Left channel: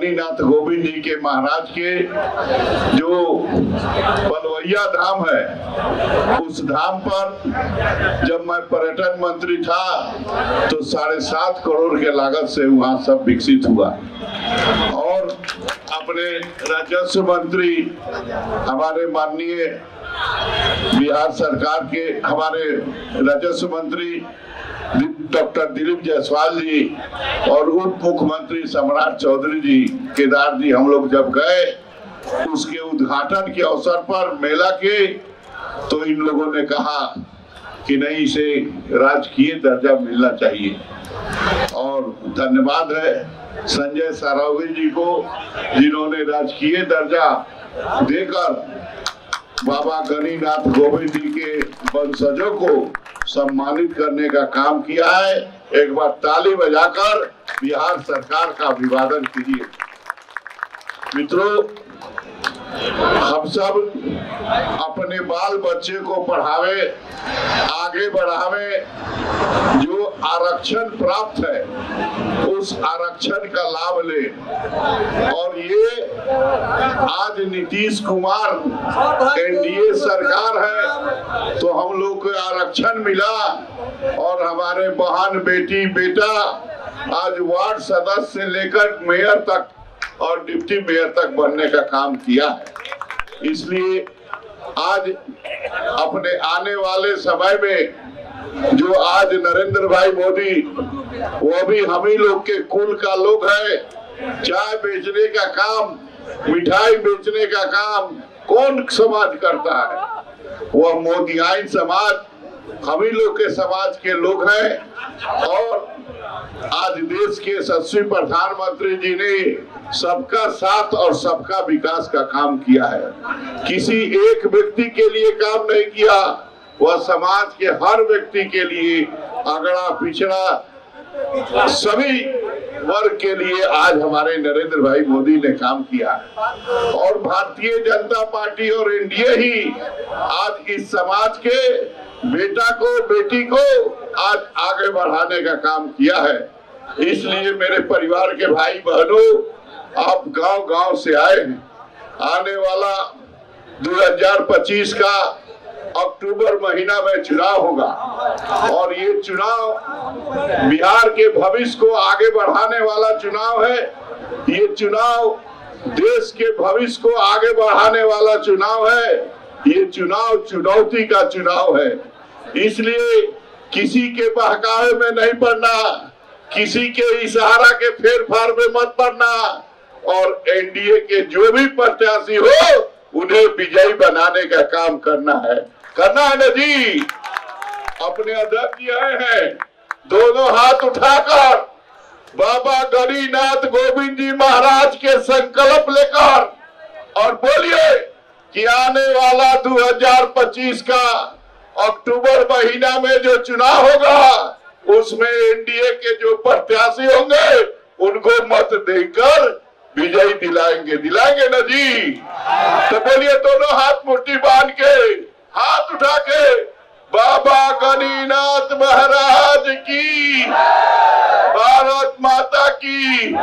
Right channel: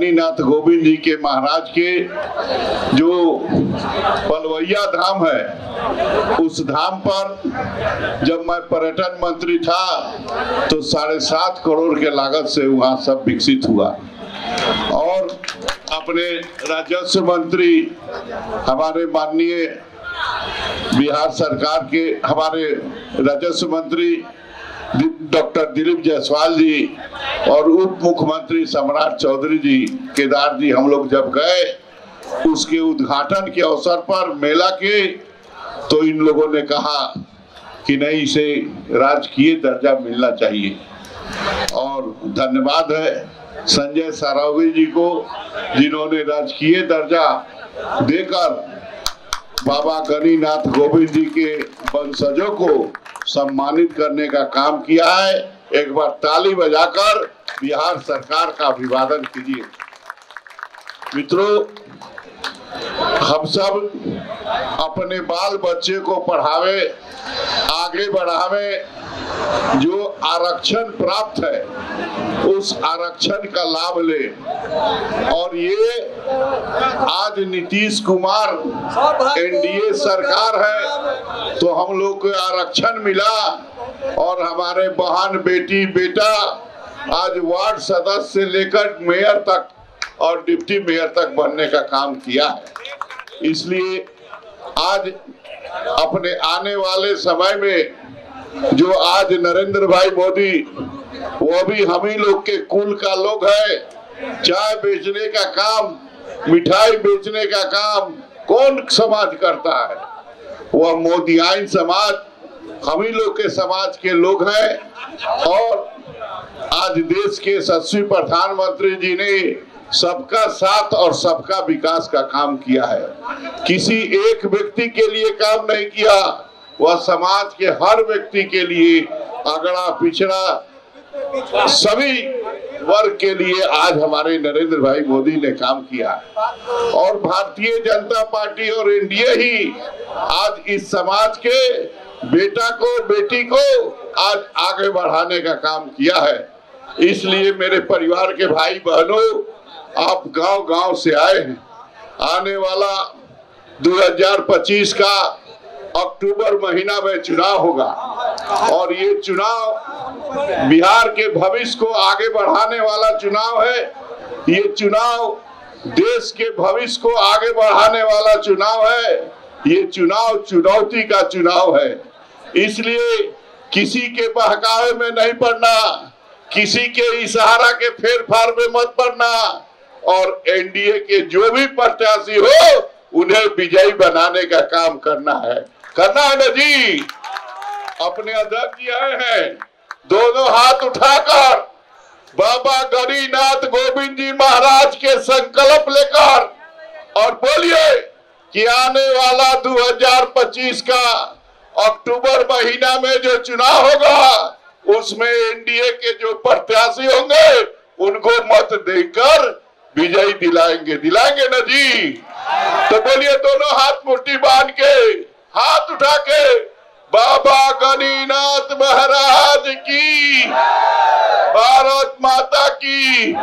गणिनाथ गोविंद जी के महाराज के जो बलवैया धाम है, उस धाम पर जब मैं पर्यटन मंत्री था तो 7.5 करोड़ के लागत से वहाँ सब विकसित हुआ। और अपने राजस्व मंत्री हमारे माननीय बिहार सरकार के हमारे राजस्व मंत्री डॉक्टर दिलीप जायसवाल जी और उप मुख्यमंत्री सम्राट चौधरी जी, केदार जी, हम लोग जब गए उसके उद्घाटन के अवसर पर मेला के, तो इन लोगों ने कहा कि नहीं, इसे राजकीय दर्जा मिलना चाहिए। और धन्यवाद है संजय सारावगी जी को, जिन्होंने राजकीय दर्जा देकर बाबा गणिनाथ गोविंद जी के वंशजों को सम्मानित करने का काम किया है। एक बार ताली बजाकर बिहार सरकार का अभिवादन कीजिए। मित्रों, हम सब अपने बाल बच्चे को पढ़ावे, आगे बढ़ावे, जो आरक्षण प्राप्त है उस आरक्षण का लाभ ले। और ये आज नीतीश कुमार एनडीए सरकार है तो हम लोग को आरक्षण मिला, और हमारे बहन, बेटी, बेटा आज वार्ड सदस्य से लेकर मेयर तक और डिप्टी मेयर तक बनने का काम किया है। इसलिए आज अपने आने वाले समय में जो आज नरेंद्र भाई मोदी, वो भी हम ही लोग के कुल का लोग है। चाय बेचने का काम, मिठाई बेचने का काम कौन समाज करता है? वह मोदियाइन समाज, हम ही लोग के समाज के लोग हैं। और आज देश के यशस्वी प्रधानमंत्री जी ने सबका साथ और सबका विकास का काम किया है। किसी एक व्यक्ति के लिए काम नहीं किया, वह समाज के हर व्यक्ति के लिए, अगड़ा पिछड़ा सभी वर्ग के लिए आज हमारे नरेंद्र भाई मोदी ने काम किया है। और भारतीय जनता पार्टी और एनडीए ही आज इस समाज के बेटा को, बेटी को आज आगे बढ़ाने का काम किया है। इसलिए मेरे परिवार के भाई बहनों, आप गांव-गांव से आए हैं। आने वाला 2025 का अक्टूबर महीना में चुनाव होगा, और ये चुनाव बिहार के भविष्य को आगे बढ़ाने वाला चुनाव है। ये चुनाव देश के भविष्य को आगे बढ़ाने वाला चुनाव है। ये चुनाव चुनौती का चुनाव है। इसलिए किसी के बहकावे में नहीं पड़ना, किसी के इशारा के फेर फार में मत पड़ना, और एनडीए के जो भी प्रत्याशी हो उन्हें विजयी बनाने का काम करना है ना जी। अपने अध्यक्ष जी आए हैं, दोनों हाथ उठाकर बाबा गणिनाथ गोविंद जी महाराज के संकल्प लेकर और बोलिए कि आने वाला 2025 का अक्टूबर महीना में जो चुनाव होगा उसमें एनडीए के जो प्रत्याशी होंगे उनको मत देकर विजयी दिलाएंगे ना जी। तो बोलिए दोनों हाथ मुट्ठी बांध के, हाथ उठा के, बाबा गणिनाथ महाराज की, भारत माता की,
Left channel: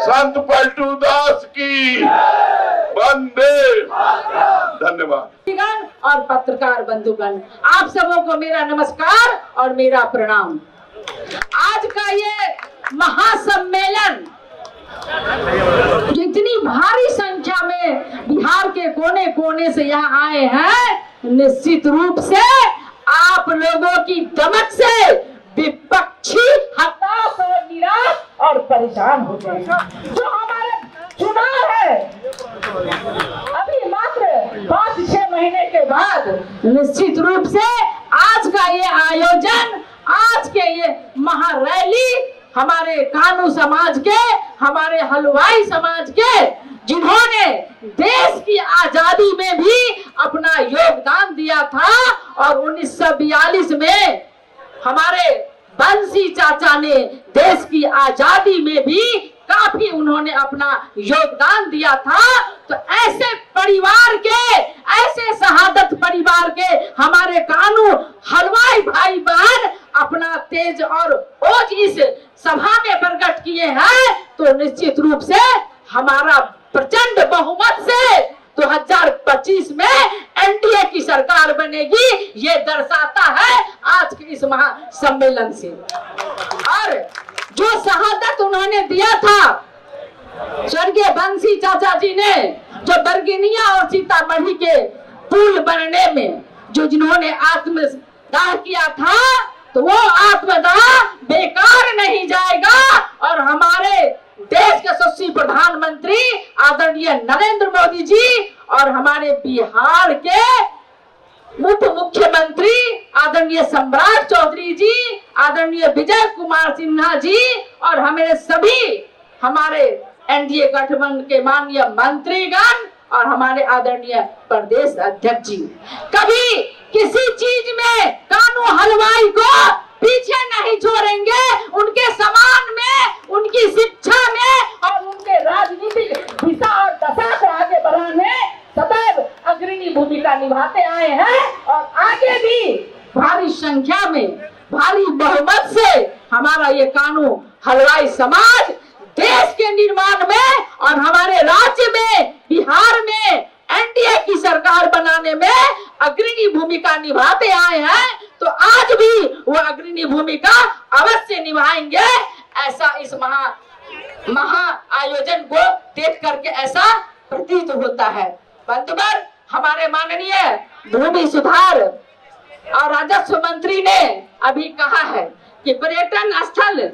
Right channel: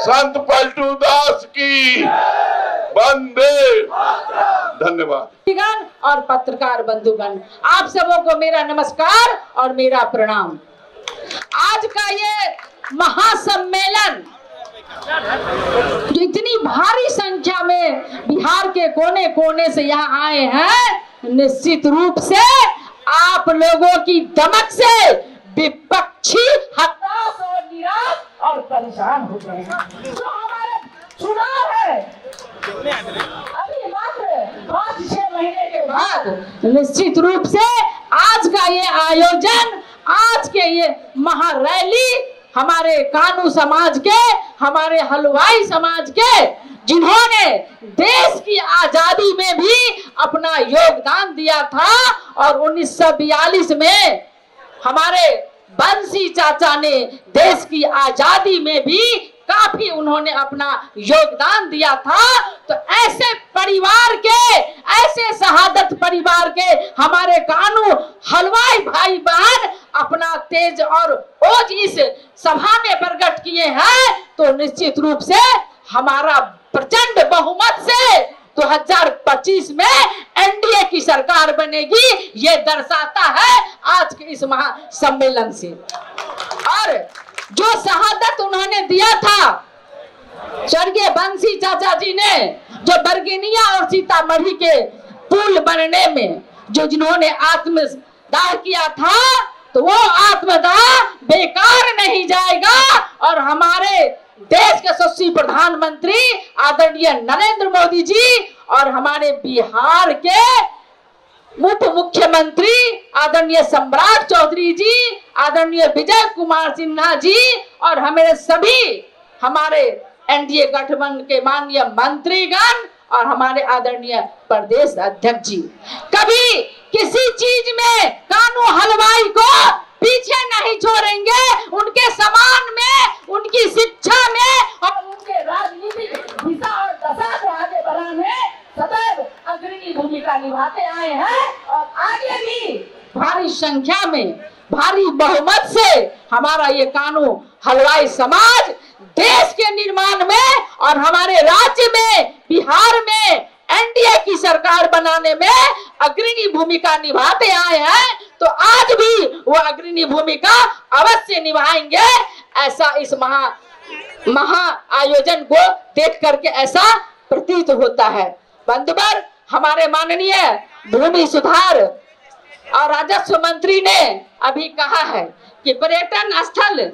संत पलटू दास की, वंदे। धन्यवाद। और पत्रकार बंधुगण, आप सबों को मेरा नमस्कार और मेरा प्रणाम। आज का ये महासम्मेलन जो इतनी भारी संख्या में बिहार के कोने कोने से यहाँ आए हैं, निश्चित रूप से आप लोगों की दमक से विपक्षी हताश और निराश और परेशान हो गए। जो हमारे चुनाव है अभी मात्र 5-6 महीने के बाद, निश्चित रूप से आज का ये आयोजन, आज के ये महारैली हमारे कानू समाज के, हमारे हलवाई समाज के, जिन्होंने देश की आजादी में भी अपना योगदान दिया था, और 1942 में हमारे बंसी चाचा ने देश की आजादी में भी काफी उन्होंने अपना योगदान दिया था। तो ऐसे परिवार के, ऐसे शहादत परिवार के हमारे कानू हलवाई भाई बहन अपना तेज और ओज इस सभा में प्रकट किए हैं, तो निश्चित रूप से हमारा प्रचंड बहुमत से 2025 में एनडीए की सरकार बनेगी, ये दर्शाता है आज के इस महासम्मेलन से। और जो शहादत उन्होंने दिया था स्वर्गीय बंसी चाचा जी ने, जो बरगिनिया और सीतामढ़ी के पुल बनने में जो जिन्होंने आत्मदाह किया था, तो वो आत्मदाह बेकार नहीं जाएगा। और हमारे देश के यशस्वी प्रधानमंत्री आदरणीय नरेंद्र मोदी जी और हमारे बिहार के उप मुख्यमंत्री आदरणीय सम्राट चौधरी जी, आदरणीय विजय कुमार सिन्हा जी और हमारे एनडीए गठबंधन के माननीय मंत्रीगण और हमारे आदरणीय प्रदेश अध्यक्ष जी कभी किसी चीज में कानू हलवाई को पीछे नहीं छोड़ेंगे। उनके सम्मान में, उनकी शिक्षा में और उनके राजनीतिक दिशा और दशा को आगे बढ़ाने सदैव अग्रणी भूमिका निभाते आए हैं और आगे भी भारी संख्या में, भारी बहुमत से हमारा ये कानू हलवाई समाज देश के निर्माण में और हमारे राज्य में, बिहार में एनडीए की सरकार बनाने में अग्रणी भूमिका निभाते आए हैं। तो आज भी वो अग्रणी भूमिका अवश्य निभाएंगे। ऐसा इस महा आयोजन को देख करके ऐसा प्रतीत होता है। बंधुवर, हमारे माननीय भूमि सुधार और राजस्व मंत्री ने अभी कहा है कि पर्यटन स्थल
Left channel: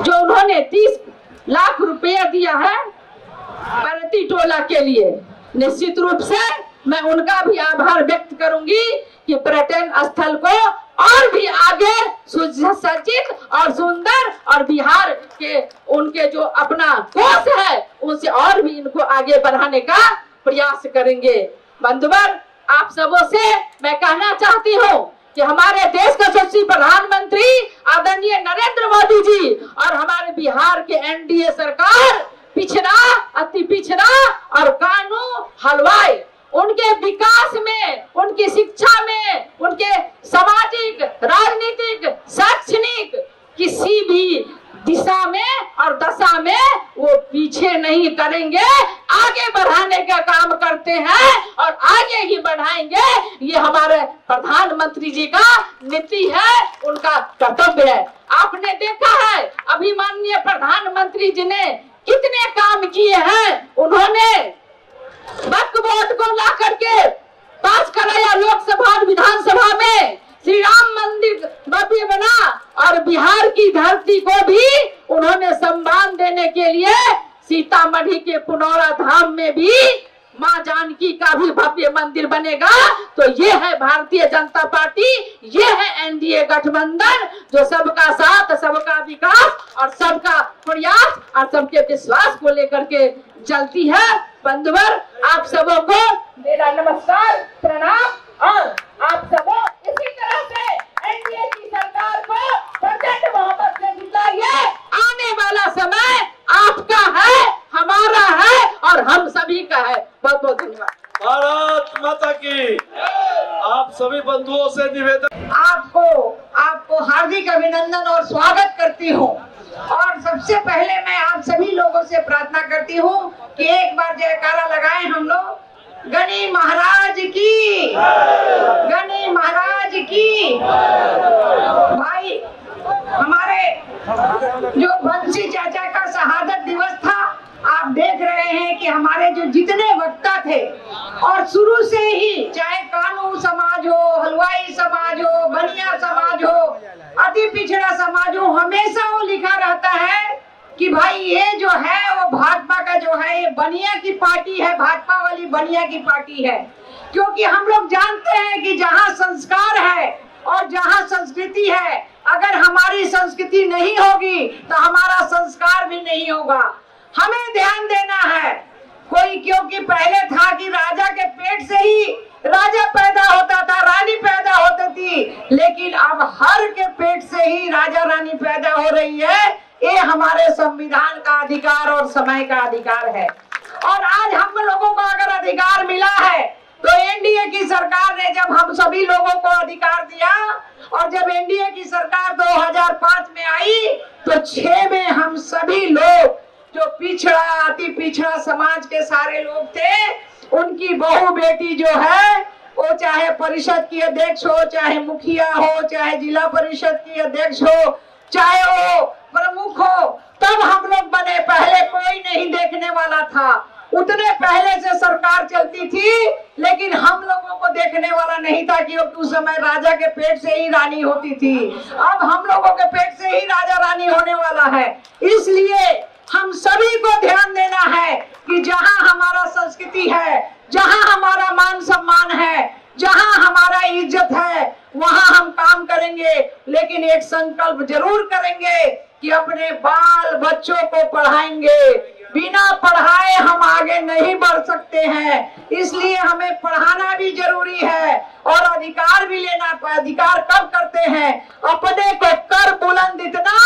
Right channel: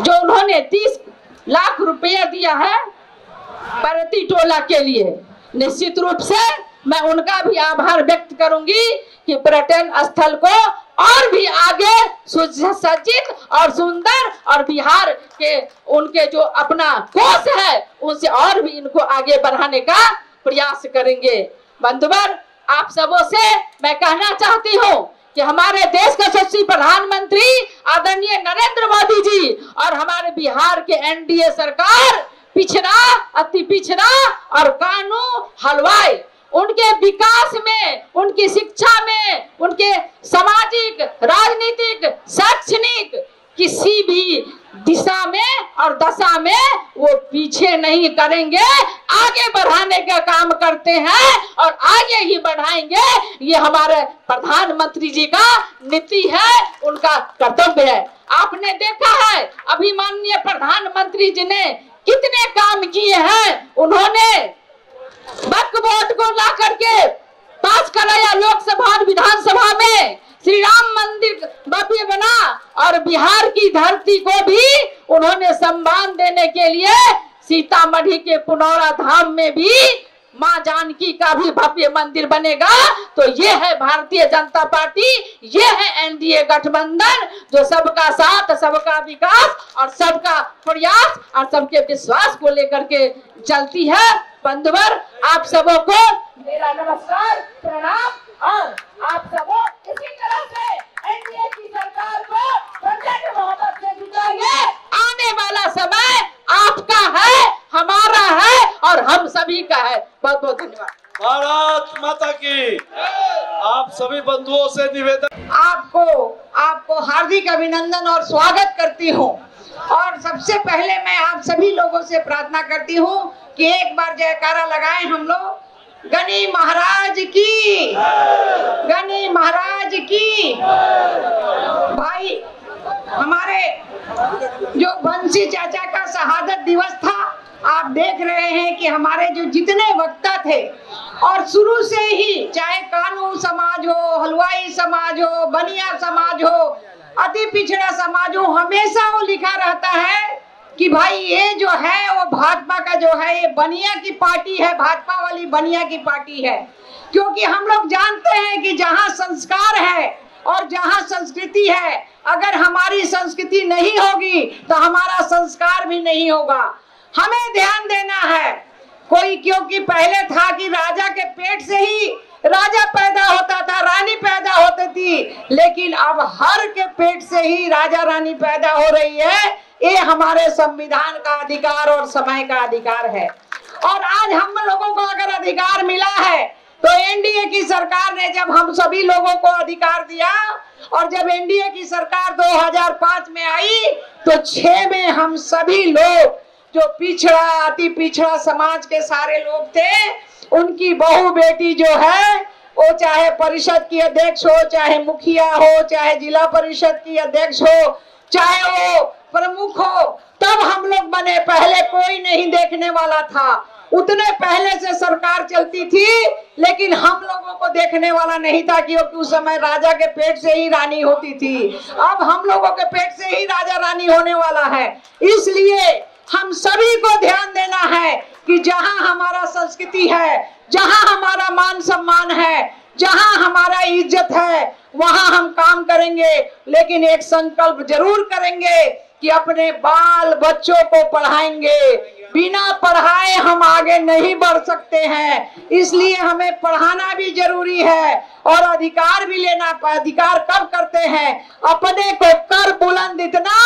जो उन्होंने 30 लाख रुपया दिया है प्रति टोला के लिए, निश्चित रूप से मैं उनका भी आभार व्यक्त करूंगी कि पर्यटन स्थल को और भी आगे सुसज्जित और सुंदर और बिहार के उनके जो अपना कोष है उनसे और भी इनको आगे बढ़ाने का प्रयास करेंगे। बंधुवर, आप सबों से मैं कहना चाहती हूँ कि हमारे देश का यशस्वी प्रधानमंत्री आदरणीय नरेंद्र मोदी जी और हमारे बिहार के एनडीए सरकार पिछड़ा, अति पिछड़ा और कानू हलवाई उनके विकास में, उनकी शिक्षा में, उनके सामाजिक, राजनीतिक, शैक्षणिक किसी भी दिशा में और दशा में वो पीछे नहीं करेंगे, आगे बढ़ाने का काम करते हैं और आगे ही बढ़ाएंगे। ये हमारे प्रधानमंत्री जी का नीति है, उनका कर्तव्य है। आपने देखा है अभी माननीय प्रधानमंत्री जी ने कितने काम किए हैं। उन्होंने वक्फ बोर्ड को ला करके पास कराया लोकसभा और विधानसभा में, श्री राम मंदिर भव्य बना और बिहार की धरती को भी उन्होंने सम्मान देने के लिए सीतामढ़ी के पुनौरा धाम में भी मां जानकी का भी भव्य मंदिर बनेगा। तो ये है भारतीय जनता पार्टी, ये है एनडीए गठबंधन जो सबका साथ, सबका विकास और सबका प्रयास और सबके विश्वास को लेकर के चलती है। बंधुवर, आप सबों को मेरा नमस्कार, प्रणाम और आप सबों इसी तरह से एनडीए की सरकार को प्रचंड मोहब्बत से जिताइए। आने वाला समय आपका है, हमारा है और हम सभी का है। बहुत बहुत धन्यवाद। भारत माता की। आप सभी बंधुओं से निवेदन, आपको हार्दिक अभिनंदन और स्वागत करती हूँ। और सबसे पहले मैं आप सभी लोगों से प्रार्थना करती हूँ कि एक बार जयकारा लगाएं हम लोग। गणी महाराज की, गणी महाराज की। भाई, हमारे जो बंसी चाचा का शहादत दिवस था, आप देख रहे हैं कि हमारे जो जितने वक्ता थे और शुरू से ही चाहे कानू समाज हो, हलवाई समाज हो, बनिया समाज हो, अति पिछड़ा समाज हो, हमेशा वो लिखा रहता है कि भाई ये जो है वो भाजपा का जो है ये बनिया की पार्टी है, भाजपा वाली बनिया की पार्टी है। क्योंकि हम लोग जानते हैं कि जहाँ संस्कार है और जहाँ संस्कृति है, अगर हमारी संस्कृति नहीं होगी तो हमारा संस्कार भी नहीं होगा। हमें ध्यान देना है। क्योंकि पहले था कि राजा के पेट से ही राजा पैदा होता था, रानी पैदा होती थी, लेकिन अब हर के पेट से ही राजा रानी पैदा हो रही है। ये हमारे संविधान का अधिकार और समय का अधिकार है। और आज हम लोगों को अगर अधिकार मिला है तो एनडीए की सरकार ने जब हम सभी लोगों को अधिकार दिया और जब एनडीए की सरकार 2005 में आई तो 6 में हम सभी लोग जो पिछड़ा अति पिछड़ा समाज के सारे लोग थे, उनकी बहू बेटी जो है वो चाहे परिषद की अध्यक्ष हो, चाहे मुखिया हो, चाहे जिला परिषद की अध्यक्ष हो, चाहे वो प्रमुख हो, तब हम लोग बने। पहले कोई नहीं देखने वाला था, उतने पहले से सरकार चलती थी, लेकिन हम लोगों को देखने वाला नहीं था, क्योंकि उस समय राजा के पेट से ही रानी होती थी। अब हम लोगों के पेट से ही राजा रानी होने वाला है। इसलिए हम सभी को ध्यान देना है कि जहां हमारा संस्कृति है, जहां हमारा मान सम्मान है, जहां हमारा इज्जत है, वहां हम काम करेंगे। लेकिन एक संकल्प जरूर करेंगे कि अपने बाल बच्चों को पढ़ाएंगे। बिना पढ़ाए हम आगे नहीं बढ़ सकते हैं, इसलिए हमें पढ़ाना भी जरूरी है। और अधिकार भी लेना। अधिकार कब करते हैं? अपने को कर बुलंद इतना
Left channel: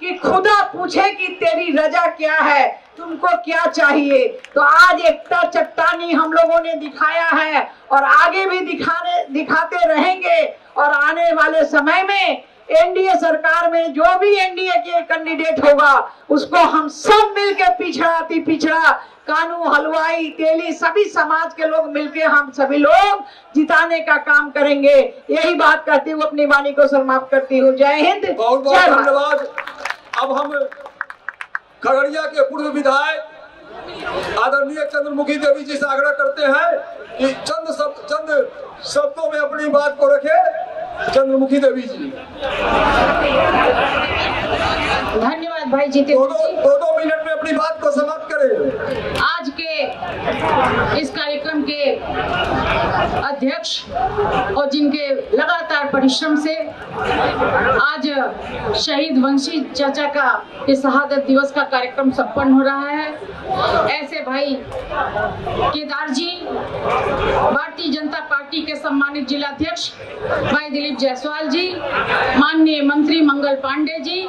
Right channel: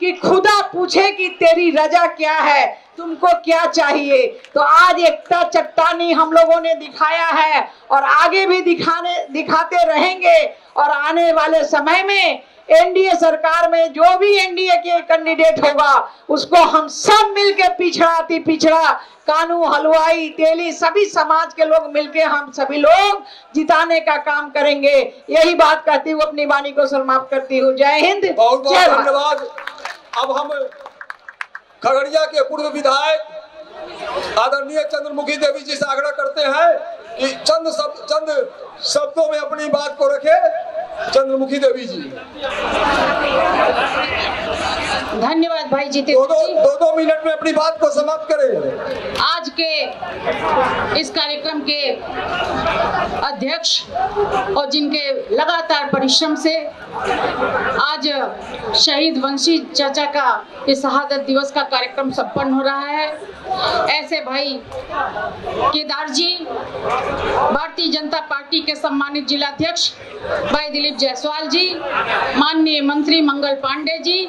कि खुदा पूछे कि तेरी रजा क्या है, तुमको क्या चाहिए। तो आज एकता चट्टानी हम लोगों ने दिखाया है और आगे भी दिखाते रहेंगे। और आने वाले समय में एनडीए सरकार में जो भी एनडीए के कैंडिडेट होगा, उसको हम सब मिलके पिछड़ा अति पिछड़ा, कानू, हलवाई, तेली, सभी समाज के लोग मिलके हम सभी लोग जिताने का काम करेंगे। यही बात कहती हूँ, अपनी वाणी को समाप्त करती हूँ। जय हिंद, बहुत बहुत धन्यवाद। अब हम खगड़िया के पूर्व विधायक आदरणीय चंद्रमुखी देवी जी से आग्रह करते हैं कि चंद शब्दों में अपनी बात को रखे। चंद्रमुखी देवी जी, धन्यवाद भाई जीते। दो मिनट में अपनी बात को समाप्त करें। आज के इस कार्यक्रम के अध्यक्ष और जिनके लगातार परिश्रम से आज शहीद वंशी चाचा का इस शहादत दिवस का कार्यक्रम संपन्न हो रहा है, ऐसे भाई केदार जी, भारतीय जनता पार्टी के सम्मानित जिलाध्यक्ष भाई दिलीप जायसवाल जी, माननीय मंत्री मंगल पांडे जी,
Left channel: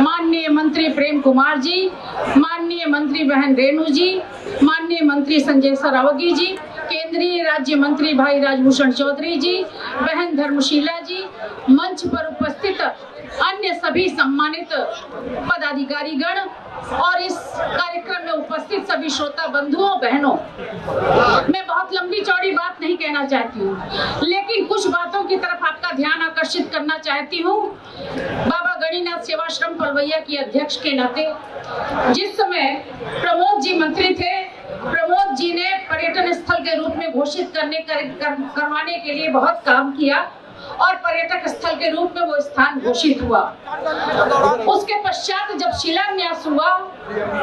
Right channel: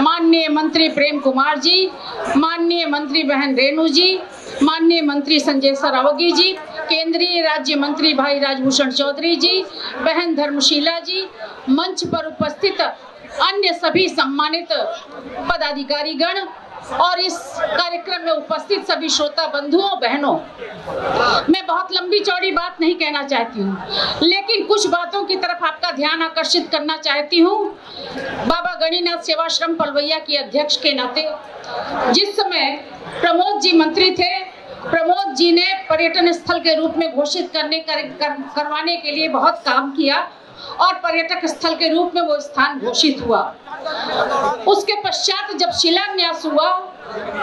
माननीय मंत्री प्रेम कुमार जी, माननीय मंत्री बहन रेणु जी, माननीय मंत्री संजय सरावगी जी, केंद्रीय राज्य मंत्री भाई राजभूषण चौधरी जी, बहन धर्मशीला जी, मंच पर उपस्थित अन्य सभी सम्मानित पदाधिकारीगण और इस कार्यक्रम में उपस्थित सभी श्रोता बंधुओं बहनों, मैं बहुत लंबी चौड़ी बात नहीं कहना चाहती हूँ, लेकिन कुछ बातों की तरफ आपका ध्यान आकर्षित करना चाहती हूँ। बाबा गणिनाथ सेवाश्रम पलवैया की अध्यक्ष के नाते जिस समय प्रमोद जी मंत्री थे, प्रमोद जी ने पर्यटन स्थल के रूप में घोषित करवाने के लिए बहुत काम किया और पर्यटक स्थल के रूप में वो स्थान घोषित हुआ। उसके पश्चात जब शिलान्यास हुआ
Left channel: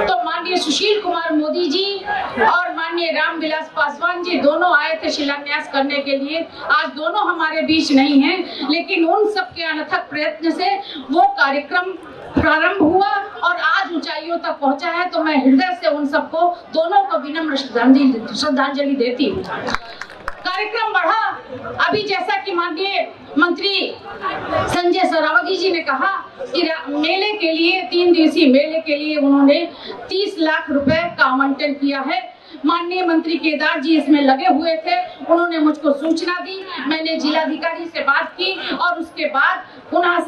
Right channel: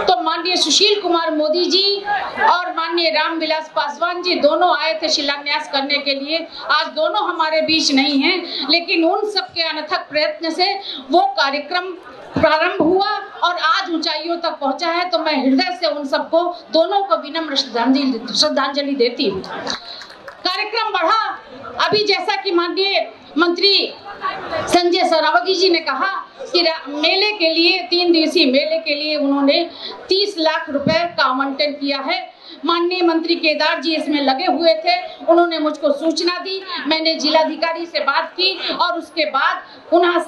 तो माननीय सुशील कुमार मोदी जी और माननीय रामविलास पासवान जी दोनों आए थे शिलान्यास करने के लिए। आज दोनों हमारे बीच नहीं हैं, लेकिन उन सबके अनथक प्रयत्न से वो कार्यक्रम प्रारंभ हुआ और आज ऊंचाइयों तक पहुंचा है। तो मैं हृदय से उन सबको दोनों को विनम्र श्रद्धांजलि देती हूँ। कार्यक्रम बढ़ा। अभी जैसा कि माननीय मंत्री संजय सरावगी जी ने कहा कि मेले के लिए 3 दिवसीय मेले के लिए उन्होंने 30 लाख रुपए का आवंटन किया है। माननीय मंत्री केदार जी इसमें लगे हुए थे, उन्होंने मुझको सूचना दी, मैंने जिलाधिकारी से बात की और उसके बाद वहाँ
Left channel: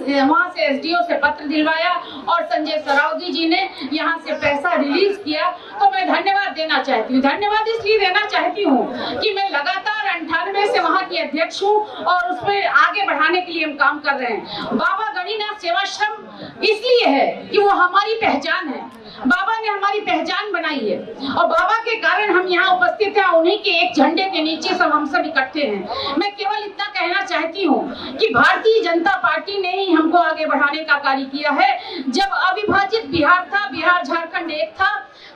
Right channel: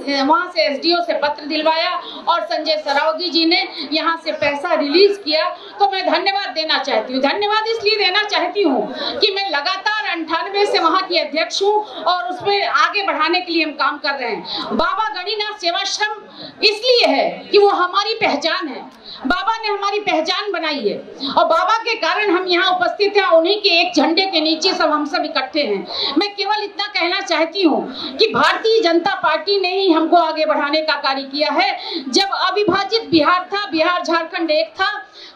से एसडीओ से पत्र दिलवाया और संजय सरावगी जी ने यहाँ से पैसा रिलीज किया। तो मैं धन्यवाद देना चाहती हूँ। धन्यवाद इसलिए देना चाहती हूँ कि मैं लगातार 98 से वहाँ की अध्यक्ष हूँ और उसमें आगे बढ़ाने के लिए हम काम कर रहे हैं। बाबा गणिनाथ सेवाश्रम इसलिए है कि वो हमारी पहचान है, बाबा ने हमारी पहचान बनाई है और बाबा के कारण हम यहाँ उपस्थित हैं। उन्हीं के एक झंडे के नीचे हम सब इकट्ठे हैं। मैं केवल इतना कहना चाहती हूँ कि भारतीय जनता पार्टी ने ही हमको आगे बढ़ाने का कार्य किया है। जब अविभाजित बिहार था, बिहार झारखंड एक था,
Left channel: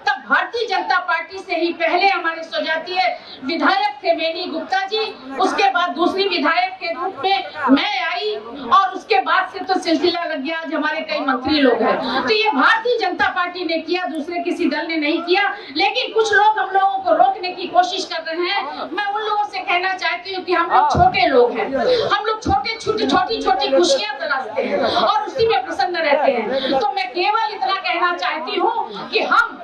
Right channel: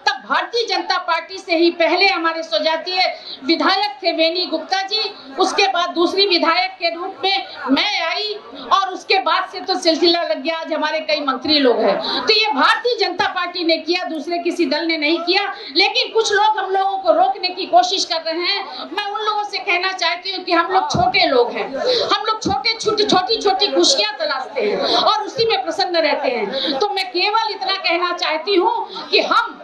तब भारतीय जनता पार्टी से ही पहले हमारे स्वजातीय विधायक थे वेनी गुप्ता जी, उसके बाद दूसरी विधायक के रूप में मैं आई और उसके बाद से तो सिलसिला लग गया। आज हमारे कई मंत्री लोग हैं। तो ये भारतीय जनता पार्टी ने किया, दूसरे किसी दल ने नहीं किया। लेकिन कुछ लोग हम लोगों को रोकने की कोशिश कर रहे हैं। मैं उन लोगों से कहना चाहती हूँ कि हम लोग छोटे लोग हैं, हम लोग छोटी छोटी खुशियां तलाशते हैं और उसी में प्रसन्न रहते हैं। तो मैं केवल इतना कहना चाहती हूँ कि हम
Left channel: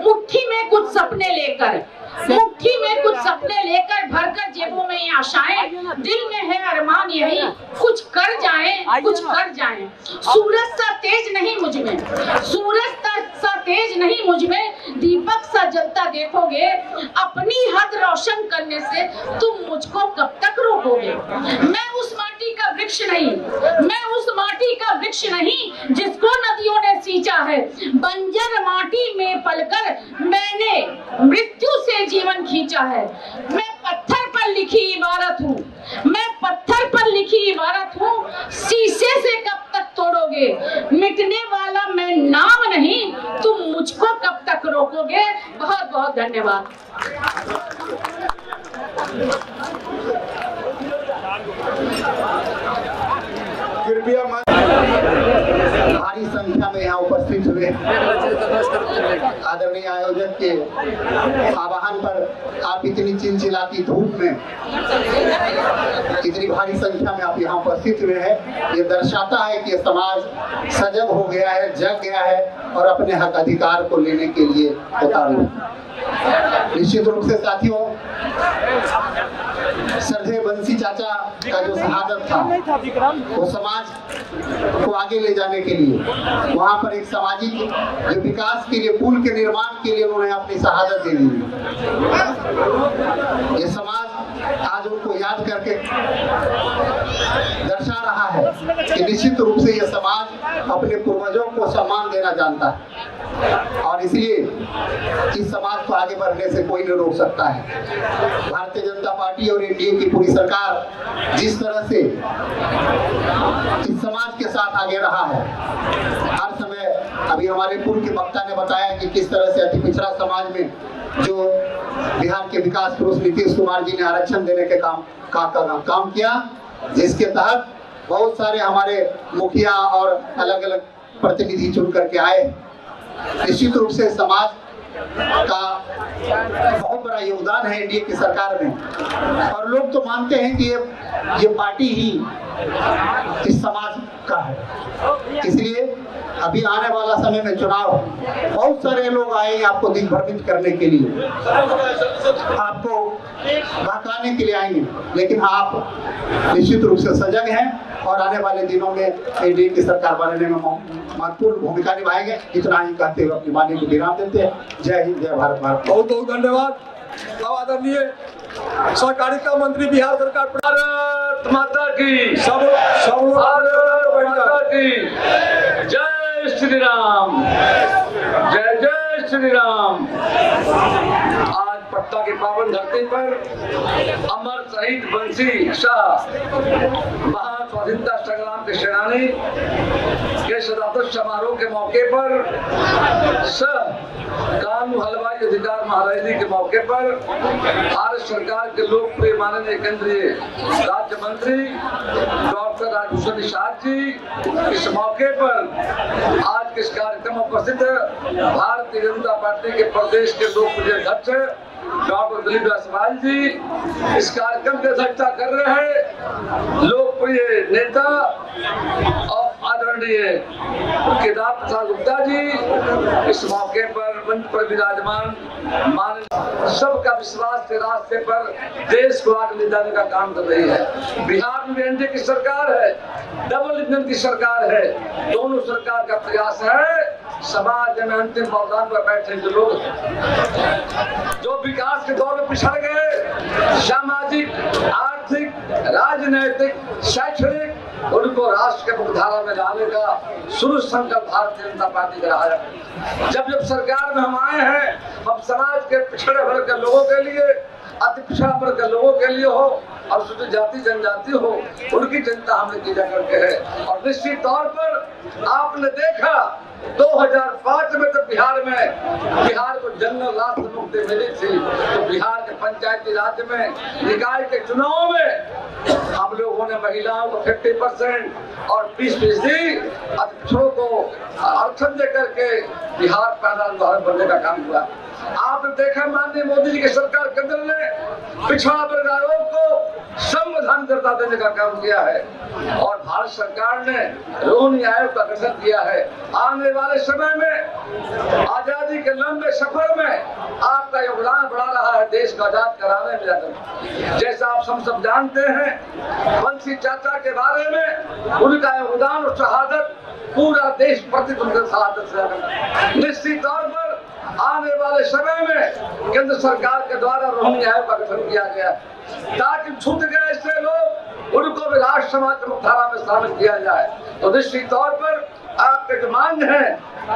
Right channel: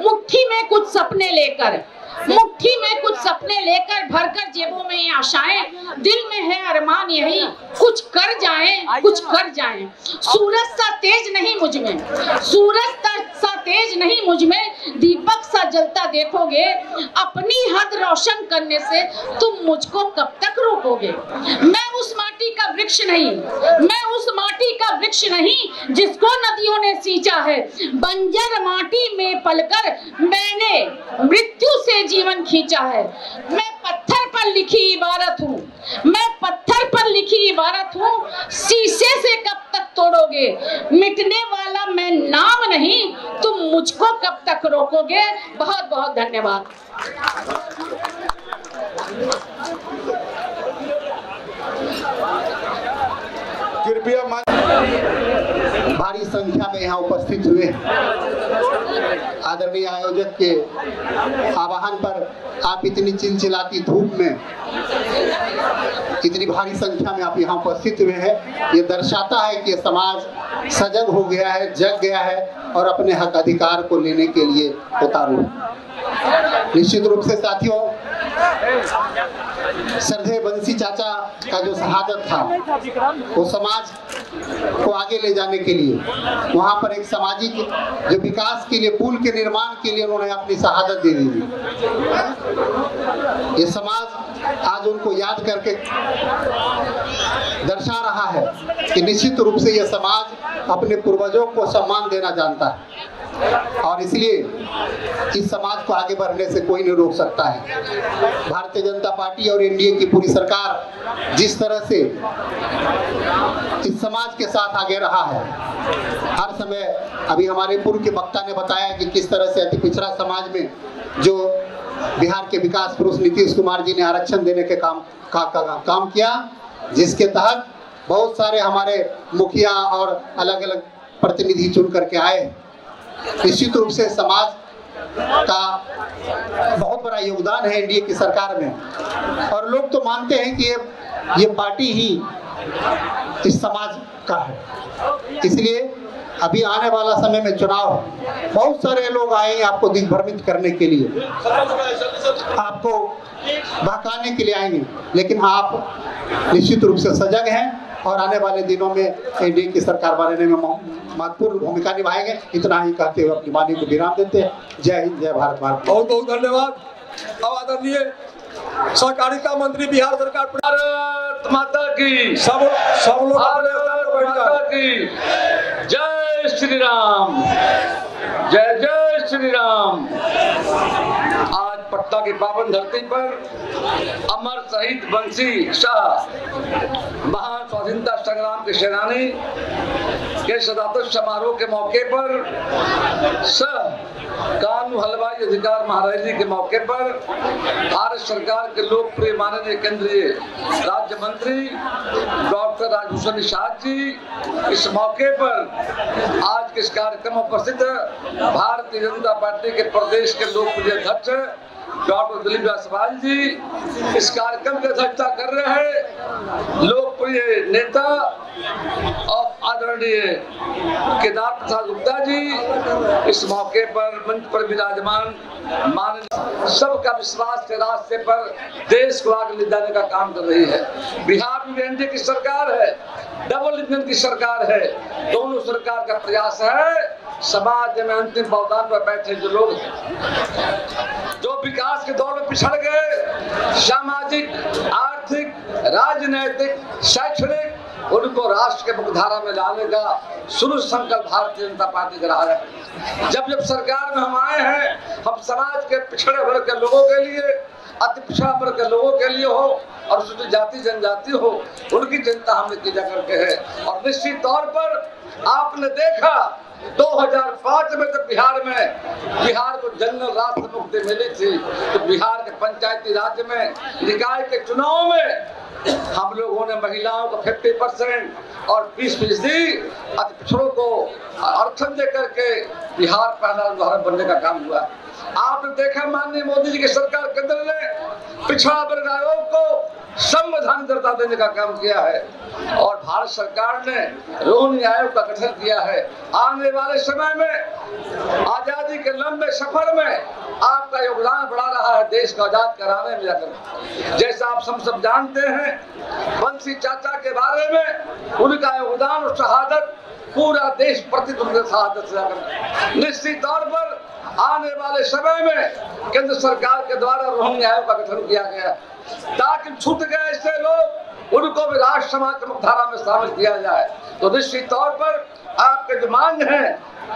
मुट्ठी में कुछ सपने लेकर मुट्ठी में कुछ सपने लेकर भरकर जेबों में ये आशाएं, दिल में है अरमान यही कुछ कर जाएं, कुछ कर जाएं। सूरज सा तेज नहीं मुझ में, सूरज सा तेज नहीं मुझ में, दीपक सा जलता देखोगे। अपनी हद रोशन करने से तुम मुझको कब तक रोकोगे। मैं उस माटी का वृक्ष नहीं, मैं उस माटी का वृक्ष नहीं जिसको नदियों ने सींचा है। बंजर माटी में पलकर मैंने मृत्यु से जीवन खींचा है। मैं पत्थर पर लिखी इबारत हूँ, मैं पत्थर पर लिखी इबारत हूँ, शीशे से कब तक तोड़ोगे। मिटने वाला मैं नाम नहीं, तुम मुझको कब तक रोकोगे। बहुत बहुत धन्यवाद। कृपया भारी संख्या में यहाँ उपस्थित हुए आदरणीय आयोजक के आह्वान पर आप इतनी चिलचिलाती धूप में इतनी भारी संख्या में आप यहाँ उपस्थित हुए हैं। ये दर्शाता है कि समाज सजग हो गया है, जग गया है और अपने हक अधिकार को लेने के लिए उतारू। निश्चित रूप से साथियों, श्रद्धेय बंसी चाचा का जो शहादत था वो समाज को आगे ले जाने के लिए, वहाँ पर एक सामाजिक जो विकास के लिए, पुल के निर्माण के लिए उन्होंने अपनी शहादत दे दी। ये समाज आज उनको याद करके दर्शा रहा है कि निश्चित रूप से ये समाज अपने पूर्वजों को सम्मान देना जानता है और इसलिए इस समाज को आगे बढ़ने से कोई नहीं रोक सकता है। भारतीय जनता पार्टी और एनडीए की पूरी सरकार जिस तरह से इस समाज के साथ आगे रहा है, हर समय अभी हमारे पूर्व के वक्ता ने बताया कि किस तरह से अति पिछड़ा समाज में जो बिहार के विकास पुरुष नीतीश कुमार जी ने आरक्षण देने के काम किया, जिसके तहत बहुत सारे हमारे मुखिया और अलग अलग प्रतिनिधि चुन करके आए। निश्चित रूप से समाज का बहुत बड़ा योगदान है एनडीए की सरकार में और लोग तो मानते हैं कि ये पार्टी ही इस समाज का है। इसलिए अभी आने वाला समय में चुनाव, बहुत सारे लोग आए आपको दिग्भ्रमित करने के लिए, आपको बहकाने के लिए आएंगे, लेकिन आप निश्चित रूप से सजग हैं और आने वाले दिनों में एनडीए की सरकार बनने में महत्वपूर्ण भूमिका निभाएंगे। इतना ही कहते हुए अपनी वाणी को विराम देते हैं। जय हिंद, जय भारत माता। बहुत बहुत धन्यवाद। अब आदरणीय सहकारिता मंत्री बिहार सरकार, भारत माता की, सब लोग माता की जय श्री राम, जय जय श्री राम। आज पटना की पावन धरती पर अमर शहीद बंसी शाह, महान स्वाधीनता संग्राम के सेनानी के शताब्दी समारोह के मौके पर, कानून हलवाई अधिकार महाराजी के मौके पर भारत सरकार के लोकप्रिय माननीय केंद्रीय राज्य मंत्री डॉक्टर राजभूषण निषाद जी इस मौके पर आज के इस कार्यक्रम में उपस्थित भारतीय जनता पार्टी के प्रदेश के लोकप्रिय अध्यक्ष डॉक्टर दिलीप जायसवाल जी इस कार्यक्रम की अध्यक्षता कर रहे हैं। लोकप्रिय नेता और आदरणीय केदार प्रसाद गुप्ता जी इस मौके पर मंच पर विराजमान, सबका विश्वास के रास्ते पर देश को आगे ले जाने का काम कर रही है। बिहार में एनडीए की सरकार है, डबल इंजन की सरकार है, दोनों सरकार का प्रयास है समाज में अंतिम बहुदान पर बैठे जो लोग जो विकास के दौर में पिछड़ गए, सामाजिक, आर्थिक, राजनैतिक, शैक्षणिक, उनको राष्ट्र के मुख्यधारा में लाने का शुरू संकल्प भारतीय जनता पार्टी का रहा है। जब सरकार में हम आए हैं, हम समाज के पिछड़े वर्ग के लोगों के लिए, अति पिछड़ा वर्ग के लोगों के लिए हो और अनुसूचित जाति जनजाति हो, उनकी चिंता हमने की जा करके है। और निश्चित तौर पर आपने देखा 2005 में तो बिहार को जनरल राष्ट्र मुक्ति मिली थी, तो बिहार के पंचायती राज में निकाय के चुनाव में हम लोगों ने महिलाओं को 50% और 20% पिछड़ों को आरक्षण दे करके बिहार पहला उदाहरण बनने का काम हुआ। आपने देखा माननीय मोदी जी की सरकार केंद्र ने पिछड़ा वर्ग आयोग को संविधान दर्जा देने का काम किया है और भारत सरकार ने रोहिणी आयोग का गठन किया है। आने वाले समय में आजादी के लंबे सफर में आपका योगदान बढ़ा रहा है देश को आजाद कराने में। जैसा आप सब जानते हैं बंसी चाचा के बारे में, उनका योगदान और शहादत पूरा देश प्रतिदिन उनके शहादत से। निश्चित तौर पर आने वाले समय में केंद्र सरकार के द्वारा रोहिणी आयोग का गठन किया गया ताकि छूट गए ऐसे लोग उनको भी राष्ट्र समाज की मुख्यधारा में शामिल किया जाए। तो निश्चित तौर पर आपके जो मांग है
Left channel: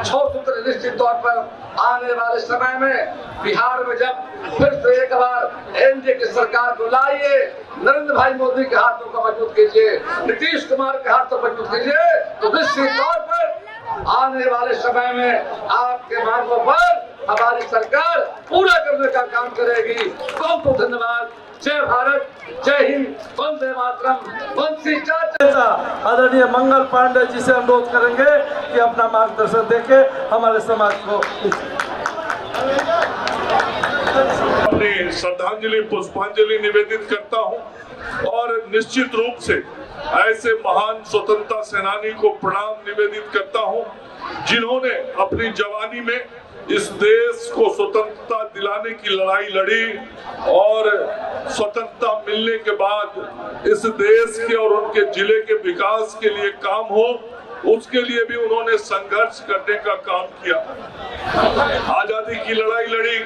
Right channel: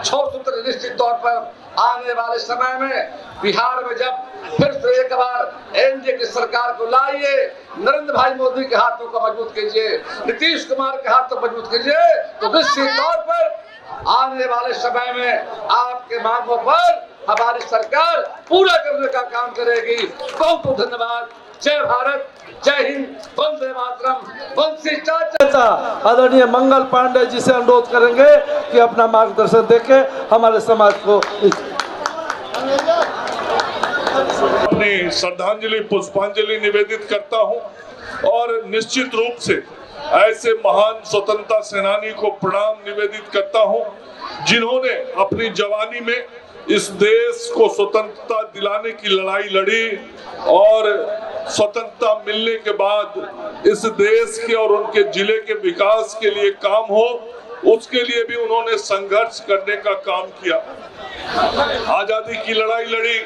6 सूत्र निश्चित तौर पर आने वाले समय में बिहार में जब फिर से एक बार एनडीए की सरकार को लाइए, नरेंद्र भाई मोदी के हाथों को मजबूत कीजिए, नीतीश कुमार के हाथों को मजबूत कीजिए, तो निश्चित तौर पर आने वाले समय में आपके मांगों पर हमारी सरकार पूरा करने का काम करेगी। बहुत बहुत धन्यवाद। जय भारत, जय हिंद, वंदे मातरम। बंसी चाचा आदरणीय मंगल पांडे जी से अनुरोध करेंगे कि अपना मार्गदर्शन देके हमारे समाज को अपनी श्रद्धांजलि पुष्पांजलि निवेदित करता हूं और निश्चित रूप से ऐसे महान स्वतंत्रता सेनानी को प्रणाम निवेदित करता हूं जिन्होंने अपनी जवानी में इस देश को स्वतंत्रता दिलाने की लड़ाई लड़ी और स्वतंत्रता मिलने के बाद इस देश के और उनके जिले के विकास के लिए काम हो, उसके लिए भी उन्होंने संघर्ष करने का काम किया। आजादी की लड़ाई लड़ी,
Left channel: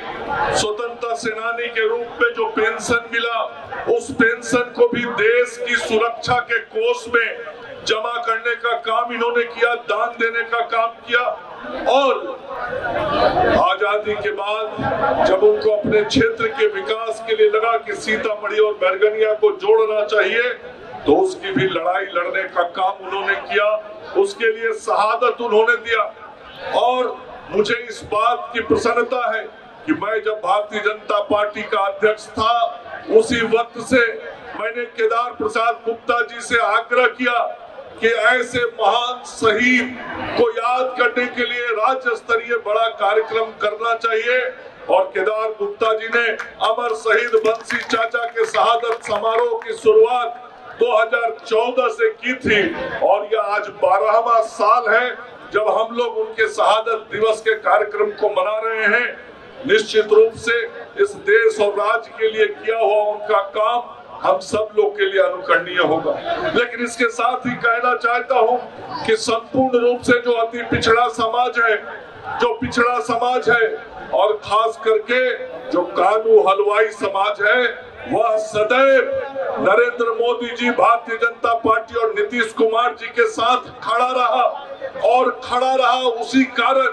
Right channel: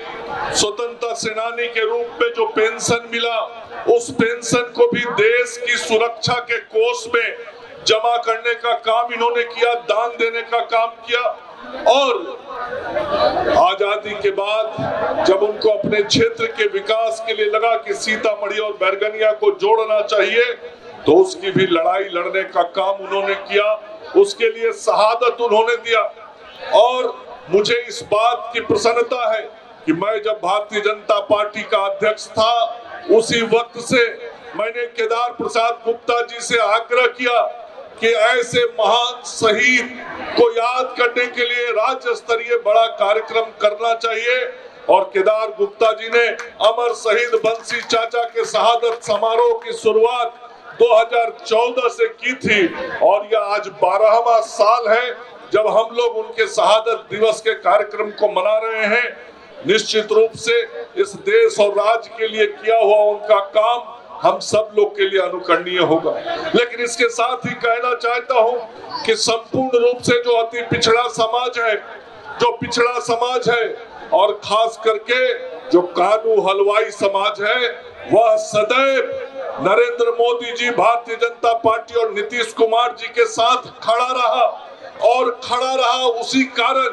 स्वतंत्रता सेनानी के रूप में जो पेंशन मिला, उस पेंशन को भी देश की सुरक्षा के कोष में जमा करने का काम इन्होंने किया, दान देने का काम किया। और आजादी के बाद जब उनको अपने क्षेत्र के विकास के लिए लगा कि सीतामढ़ी और बैरगनिया को जोड़ना चाहिए, तो उसकी भी लड़ाई लड़ने का काम उन्होंने किया, उसके लिए शहादत उन्होंने दिया। और मुझे इस बात की प्रसन्नता है कि मैं जब भारतीय जनता पार्टी का अध्यक्ष था, उसी वक्त से मैंने केदार प्रसाद गुप्ता जी से आग्रह किया कि ऐसे महान शहीद को याद करने के लिए राज्य स्तरीय बड़ा कार्यक्रम करना चाहिए। और केदार गुप्ता जी ने अमर शहीद बंसी चाचा के शहादत समारोह की शुरुआत 2014 से की थी और यह आज 12वां साल है जब हम लोग उनके शहादत दिवस के कार्यक्रम को मना रहे हैं। निश्चित रूप से इस देश और राज्य के लिए किया हुआ उनका काम हम सब लोग के लिए अनुकरणीय होगा। लेकिन इसके साथ ही कहना चाहता हूं कि संपूर्ण रूप से जो अति पिछड़ा समाज है, जो पिछड़ा समाज है और खास करके जो कानू हलवाई समाज है, वह सदैव नरेंद्र मोदी जी, भारतीय जनता पार्टी और नीतीश कुमार जी के साथ खड़ा रहा और खड़ा रहा। उसी कारण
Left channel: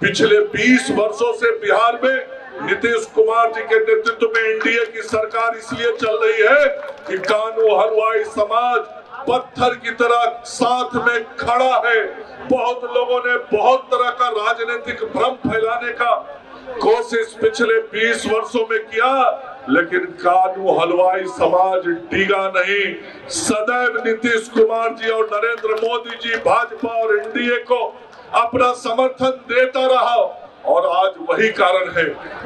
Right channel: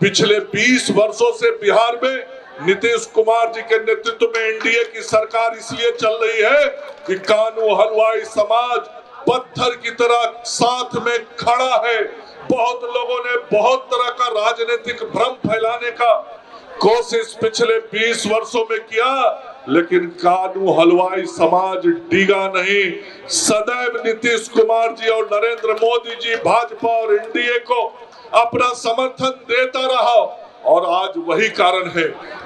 पिछले 20 वर्षों से बिहार में नीतीश कुमार जी के नेतृत्व में एनडीए की सरकार इसलिए चल रही है कि कानू हलवाई समाज पत्थर की तरह साथ में खड़ा है। बहुत लोगों ने बहुत तरह का राजनीतिक भ्रम फैलाने का कोशिश पिछले 20 वर्षों में किया, लेकिन कानू हलवाई समाज डिगा नहीं। सदैव नीतीश कुमार जी और नरेंद्र मोदी जी, भाजपा और एनडीए को अपना समर्थन देता रहा और आज वही कारण है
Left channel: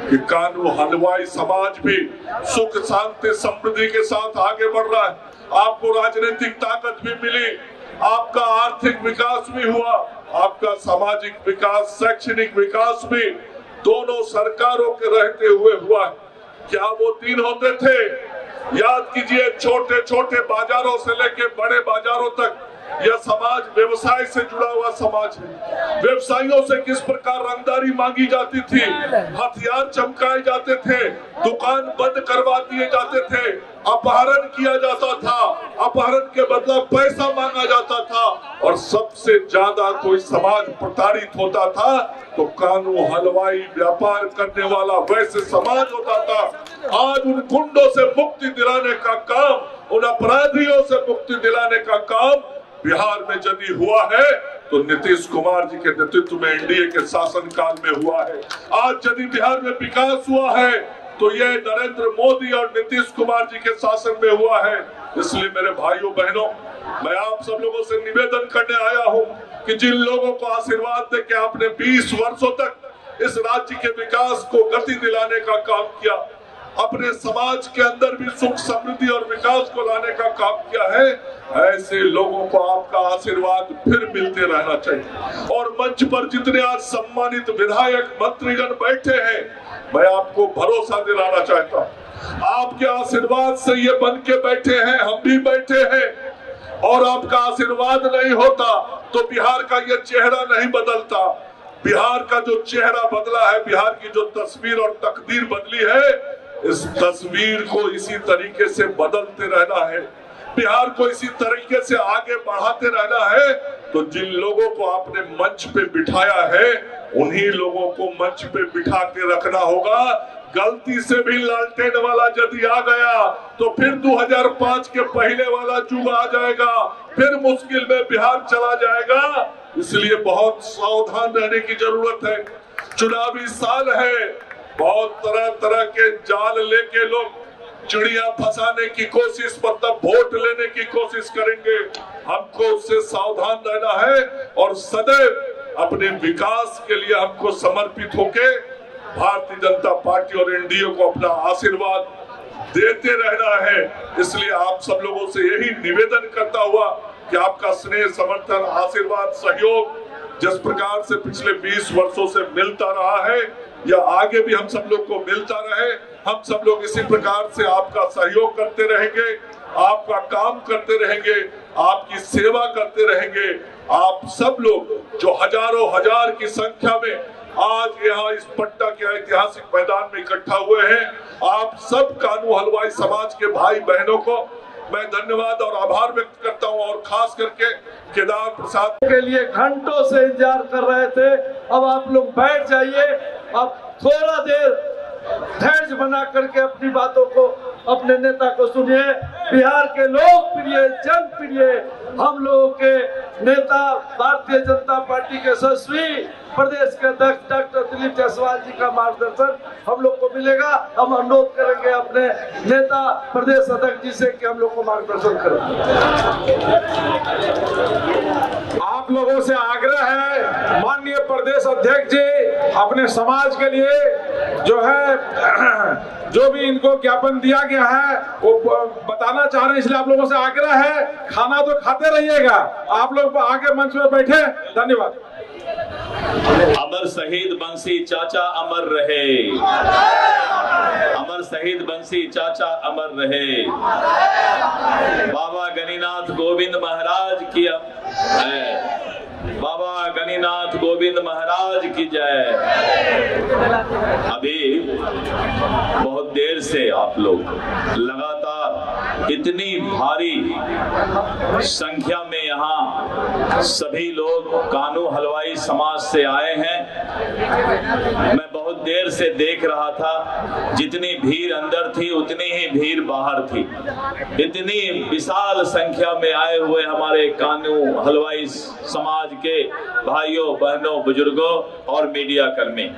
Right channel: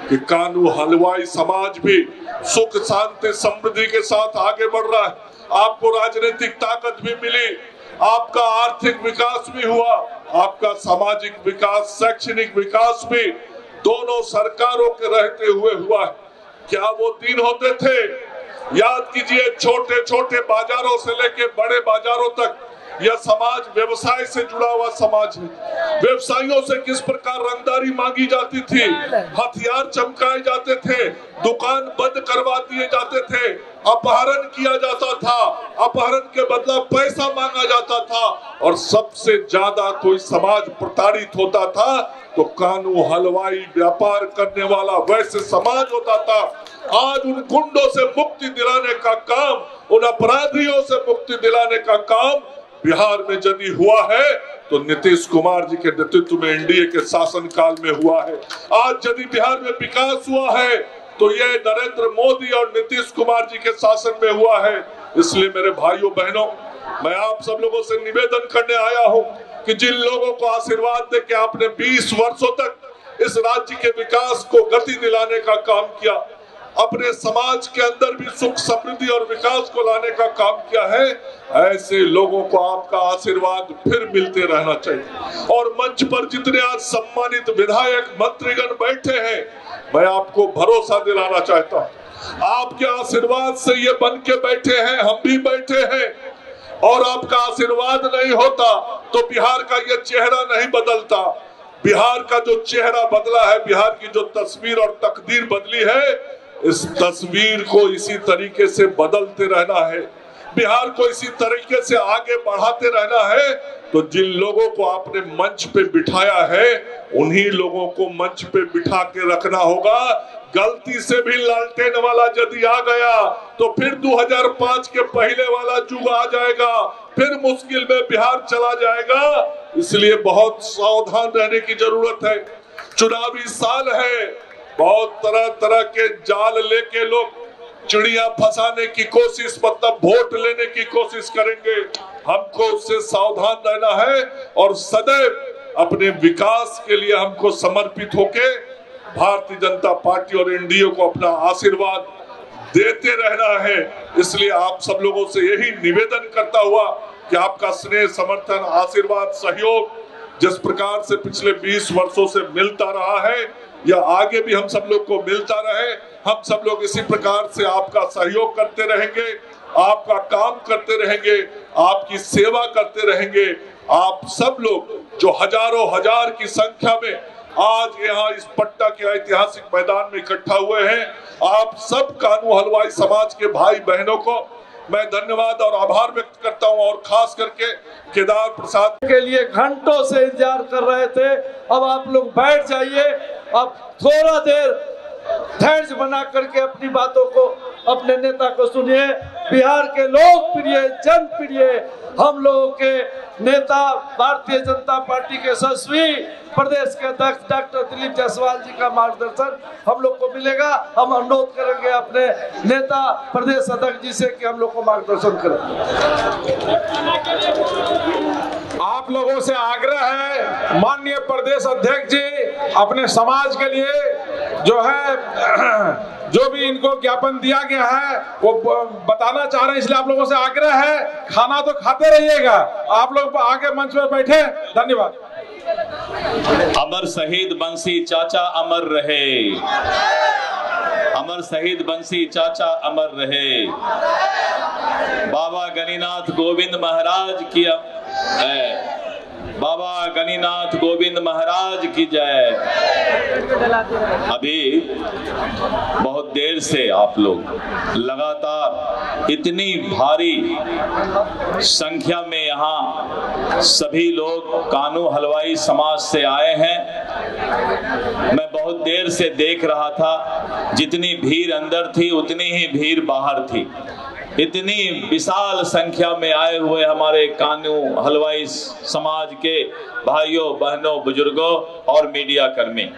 कि कानू हलवाई समाज भी सुख शांति समृद्धि के साथ आगे बढ़ रहा है। आपको राजनीतिक ताकत भी मिली, आपका आर्थिक विकास भी हुआ, आपका सामाजिक विकास, शैक्षणिक विकास भी दोनों सरकारों के रहते हुए हुआ है। क्या वो दिन होते थे? याद कीजिए, छोटे छोटे बाजारों से लेके बड़े बाजारों तक यह समाज व्यवसाय से जुड़ा हुआ समाज है। व्यवसायियों से किस प्रकार रंगदारी मांगी जाती थी, हथियार चमकाए जाते थे, दुकान बंद करवा दिए जाते थे, अपहरण किया जाता था, अपहरण के बदला पैसा मांगा जाता था और सबसे ज्यादा कोई समाज प्रताड़ित होता था तो कानू हलवाई व्यापार करने वाला वैसे समाज होता था। आज उन गुंडों से मुक्ति दिलाने का काम, उन अपराधियों से मुक्ति दिलाने का काम बिहार में यदि हुआ है तो नीतीश कुमार जी के नेतृत्व में एनडीए के शासन काल में हुआ है। आज यदि बिहार में विकास हुआ है तो यह नरेंद्र मोदी और नीतीश कुमार जी के शासन में हुआ है। इसलिए मेरे भाइयों बहनों, मैं आप सब लोगों से निवेदन करने आया हूं कि जिन लोगों को आशीर्वाद दे के आपने 20 वर्षों तक इस राज्य के विकास को गति दिलाने का काम किया, अपने समाज के अंदर भी सुख समृद्धि और विकास को लाने का काम किया है, ऐसे लोगों को आपका आशीर्वाद फिर मिलते रहना चाहिए। और मंच पर जितने आज सम्मानित विधायक मंत्रीगण बैठे हैं, मैं आपको भरोसा दिलाना चाहता हूँ, आपके आशीर्वाद से ये बन के बैठे हैं, हम भी बैठे हैं। और आपका आशीर्वाद नहीं होता तो बिहार का ये चेहरा नहीं बदलता। बिहार का जो चेहरा बदला है, बिहार की जो तस्वीर और तकदीर बदली है, इस तस्वीर को इसी तरीके से बदलते रहना है, बिहार को इसी तरीके से आगे बढ़ाते रहना है। तो जिन लोगों को आपने मंच पे बिठाया है, उन्हीं लोगों को मंच पे बिठा के रखना होगा। गलती से भी लालटेन वाला यदि आ गया तो फिर 2005 के पहले वाला युग आ जाएगा, फिर मुश्किल में बिहार चला जाएगा। इसलिए बहुत सावधान रहने की जरूरत है। चुनावी साल है, बहुत तरह तरह के जाल लेके लोग चिड़िया फंसाने की कोशिश, मतलब वोट लेने की कोशिश करेंगे। हमको उससे सावधान रहना है और सदैव अपने विकास के लिए हमको समर्पित होके भारतीय जनता पार्टी और एनडीए को अपना आशीर्वाद देते रहना है। इसलिए आप सब लोगों से यही निवेदन करता हुआ कि आपका स्नेह, समर्थन, आशीर्वाद, सहयोग जिस प्रकार से पिछले 20 वर्षों से मिलता रहा है, यह आगे भी हम सब लोग को मिलता रहे। हम सब लोग इसी प्रकार से आपका सहयोग करते रहेंगे, आपका काम करते रहेंगे, आपकी सेवा करते रहेंगे। आप सब लोग जो हजारों हजार की संख्या में आज यहाँ इस पट्टा के ऐतिहासिक मैदान में इकट्ठा हुए हैं, आप सब कानू हलवाई समाज के भाई बहनों को मैं धन्यवाद और आभार व्यक्त करता हूं। और खास करके केदार प्रसाद के लिए घंटों से इंतजार कर रहे थे। अब आप लोग बैठ जाइए, अब थोड़ा देर धैर्य बना करके अपनी बातों को, अपने नेता को सुनिए। बिहार के लोकप्रिय, जनप्रिय, हम लोगों के नेता, भारतीय जनता पार्टी के यशस्वी प्रदेश के अध्यक्ष डॉक्टर दिलीप जायसवाल जी का मार्गदर्शन हम लोग को मिलेगा। हम अनुरोध करेंगे अपने नेता प्रदेश अध्यक्ष जी से कि हम लोग को मार्गदर्शन करें। आप लोगों से आग्रह है, माननीय प्रदेश अध्यक्ष जी अपने समाज के लिए जो है जो भी इनको ज्ञापन दिया गया है वो बताना चाह रहे हैं, इसलिए आप लोगों से आग्रह है, खाना तो खाते रहिएगा। आप लोग आगे मंच में बैठे। धन्यवाद। अमर शहीद बंसी चाचा अमर रहे, अमर शहीद बंसी चाचा अमर रहे। बाबा गणिनाथ गोविंद महाराज की बाबा गणिनाथ गोविंद महाराज की जय। अभी बहुत देर से आप लोग लगातार इतनी भारी संख्या में यहाँ सभी लोग कानू हलवाई समाज से आए हैं। मैं बहुत देर से देख रहा था, जितनी भीड़ अंदर थी उतनी ही भीड़ बाहर थी। इतनी विशाल संख्या में आए हुए हमारे कानू हलवाई समाज के भाइयों, बहनों, बुजुर्गों और मीडिया कर्मी,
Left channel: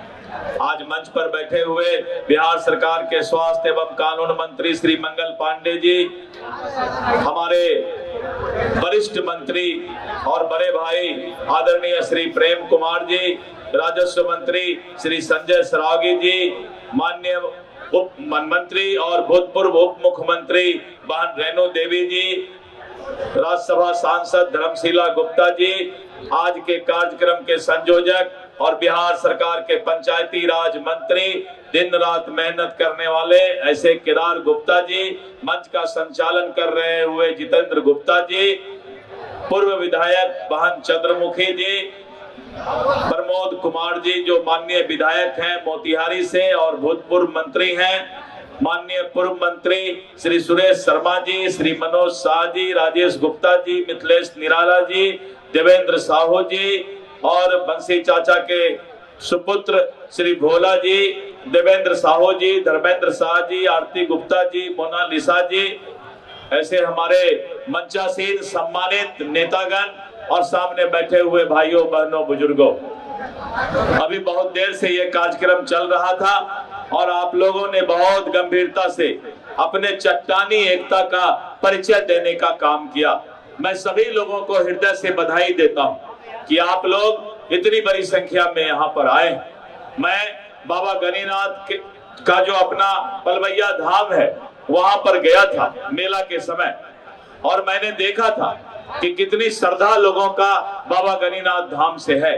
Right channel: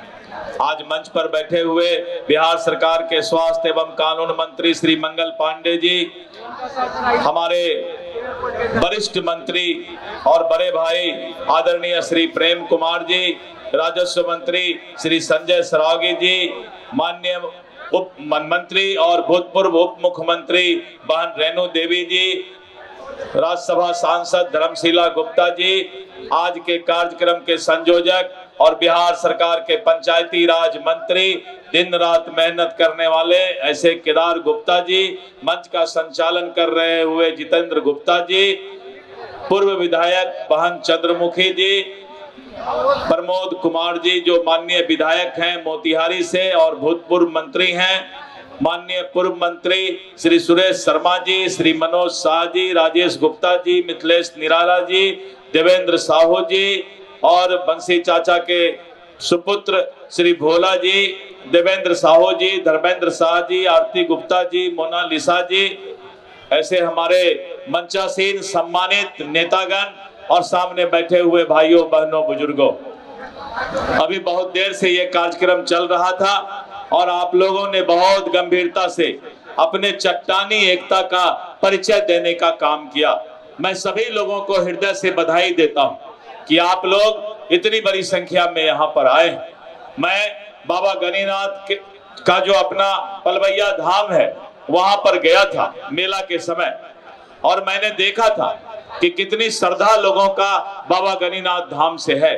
आज मंच पर बैठे हुए बिहार सरकार के स्वास्थ्य एवं कानून मंत्री श्री मंगल पांडे जी, हमारे वरिष्ठ मंत्री और बड़े भाई आदरणीय श्री प्रेम कुमार जी, राजस्व मंत्री श्री संजय सरावगी जी, माननीय उप मंत्री और भूतपूर्व उप मुख्यमंत्री बहन रेणु देवी जी, राज्यसभा सांसद धर्मशीला गुप्ता जी, आज के कार्यक्रम के संयोजक और बिहार सरकार के पंचायती राज मंत्री, दिन रात मेहनत करने वाले ऐसे केदार गुप्ता जी, मंच का संचालन कर रहे हुए जितेंद्र गुप्ता जी, पूर्व विधायक बहन चंद्रमुखी जी, प्रमोद कुमार जी जो माननीय विधायक हैं मोतिहारी से और भूतपूर्व मंत्री हैं, माननीय पूर्व मंत्री श्री सुरेश शर्मा जी, श्री मनोज शाह जी, राजेश गुप्ता जी, मिथिलेश निराला जी, देवेंद्र साहू जी और बंसी चाचा के सुपुत्र श्री भोला जी, देवेंद्र साहू जी, धर्मेंद्र शाह जी, आरती गुप्ता जी, मोनालिसा जी, ऐसे हमारे मंचासीन सम्मानित नेतागण और सामने बैठे हुए भाइयों, बहनों, बुजुर्गों। अभी बहुत देर से ये कार्यक्रम चल रहा था और आप लोगों ने बहुत गंभीरता से अपने चट्टानी एकता का परिचय देने का काम किया। मैं सभी लोगों को हृदय से बधाई देता हूं कि आप लोग इतनी बड़ी संख्या में यहाँ पर आए। मैं बाबा गणिनाथ का जो अपना पलवैया धाम है वहां पर गया था मेला के समय, और मैंने देखा था कि कितनी श्रद्धा लोगों का बाबा गणिनाथ धाम से है।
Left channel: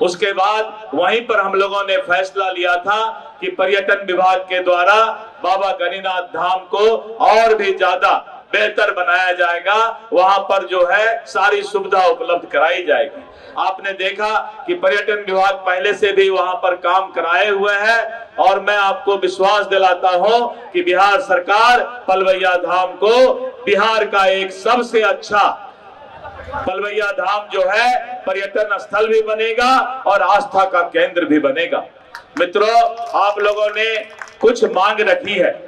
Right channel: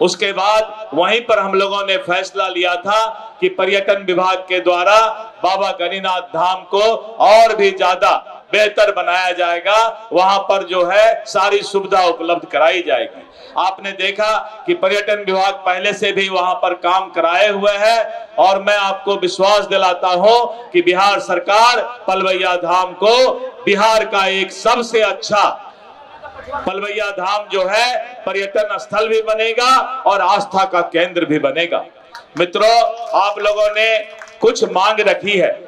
उसके बाद वहीं पर हम लोगों ने फैसला लिया था कि पर्यटन विभाग के द्वारा बाबा गणिनाथ धाम को और भी ज्यादा बेहतर बनाया जाएगा, वहां पर जो है सारी सुविधा उपलब्ध कराई जाएगी। आपने देखा कि पर्यटन विभाग पहले से भी वहां पर काम कराए हुए है, और मैं आपको विश्वास दिलाता हूं कि बिहार सरकार पलवैया धाम को बिहार का एक सबसे अच्छा पलवैया धाम जो है पर्यटन स्थल भी बनेगा और आस्था का केंद्र भी बनेगा। मित्रों, आप लोगों ने कुछ मांग रखी है।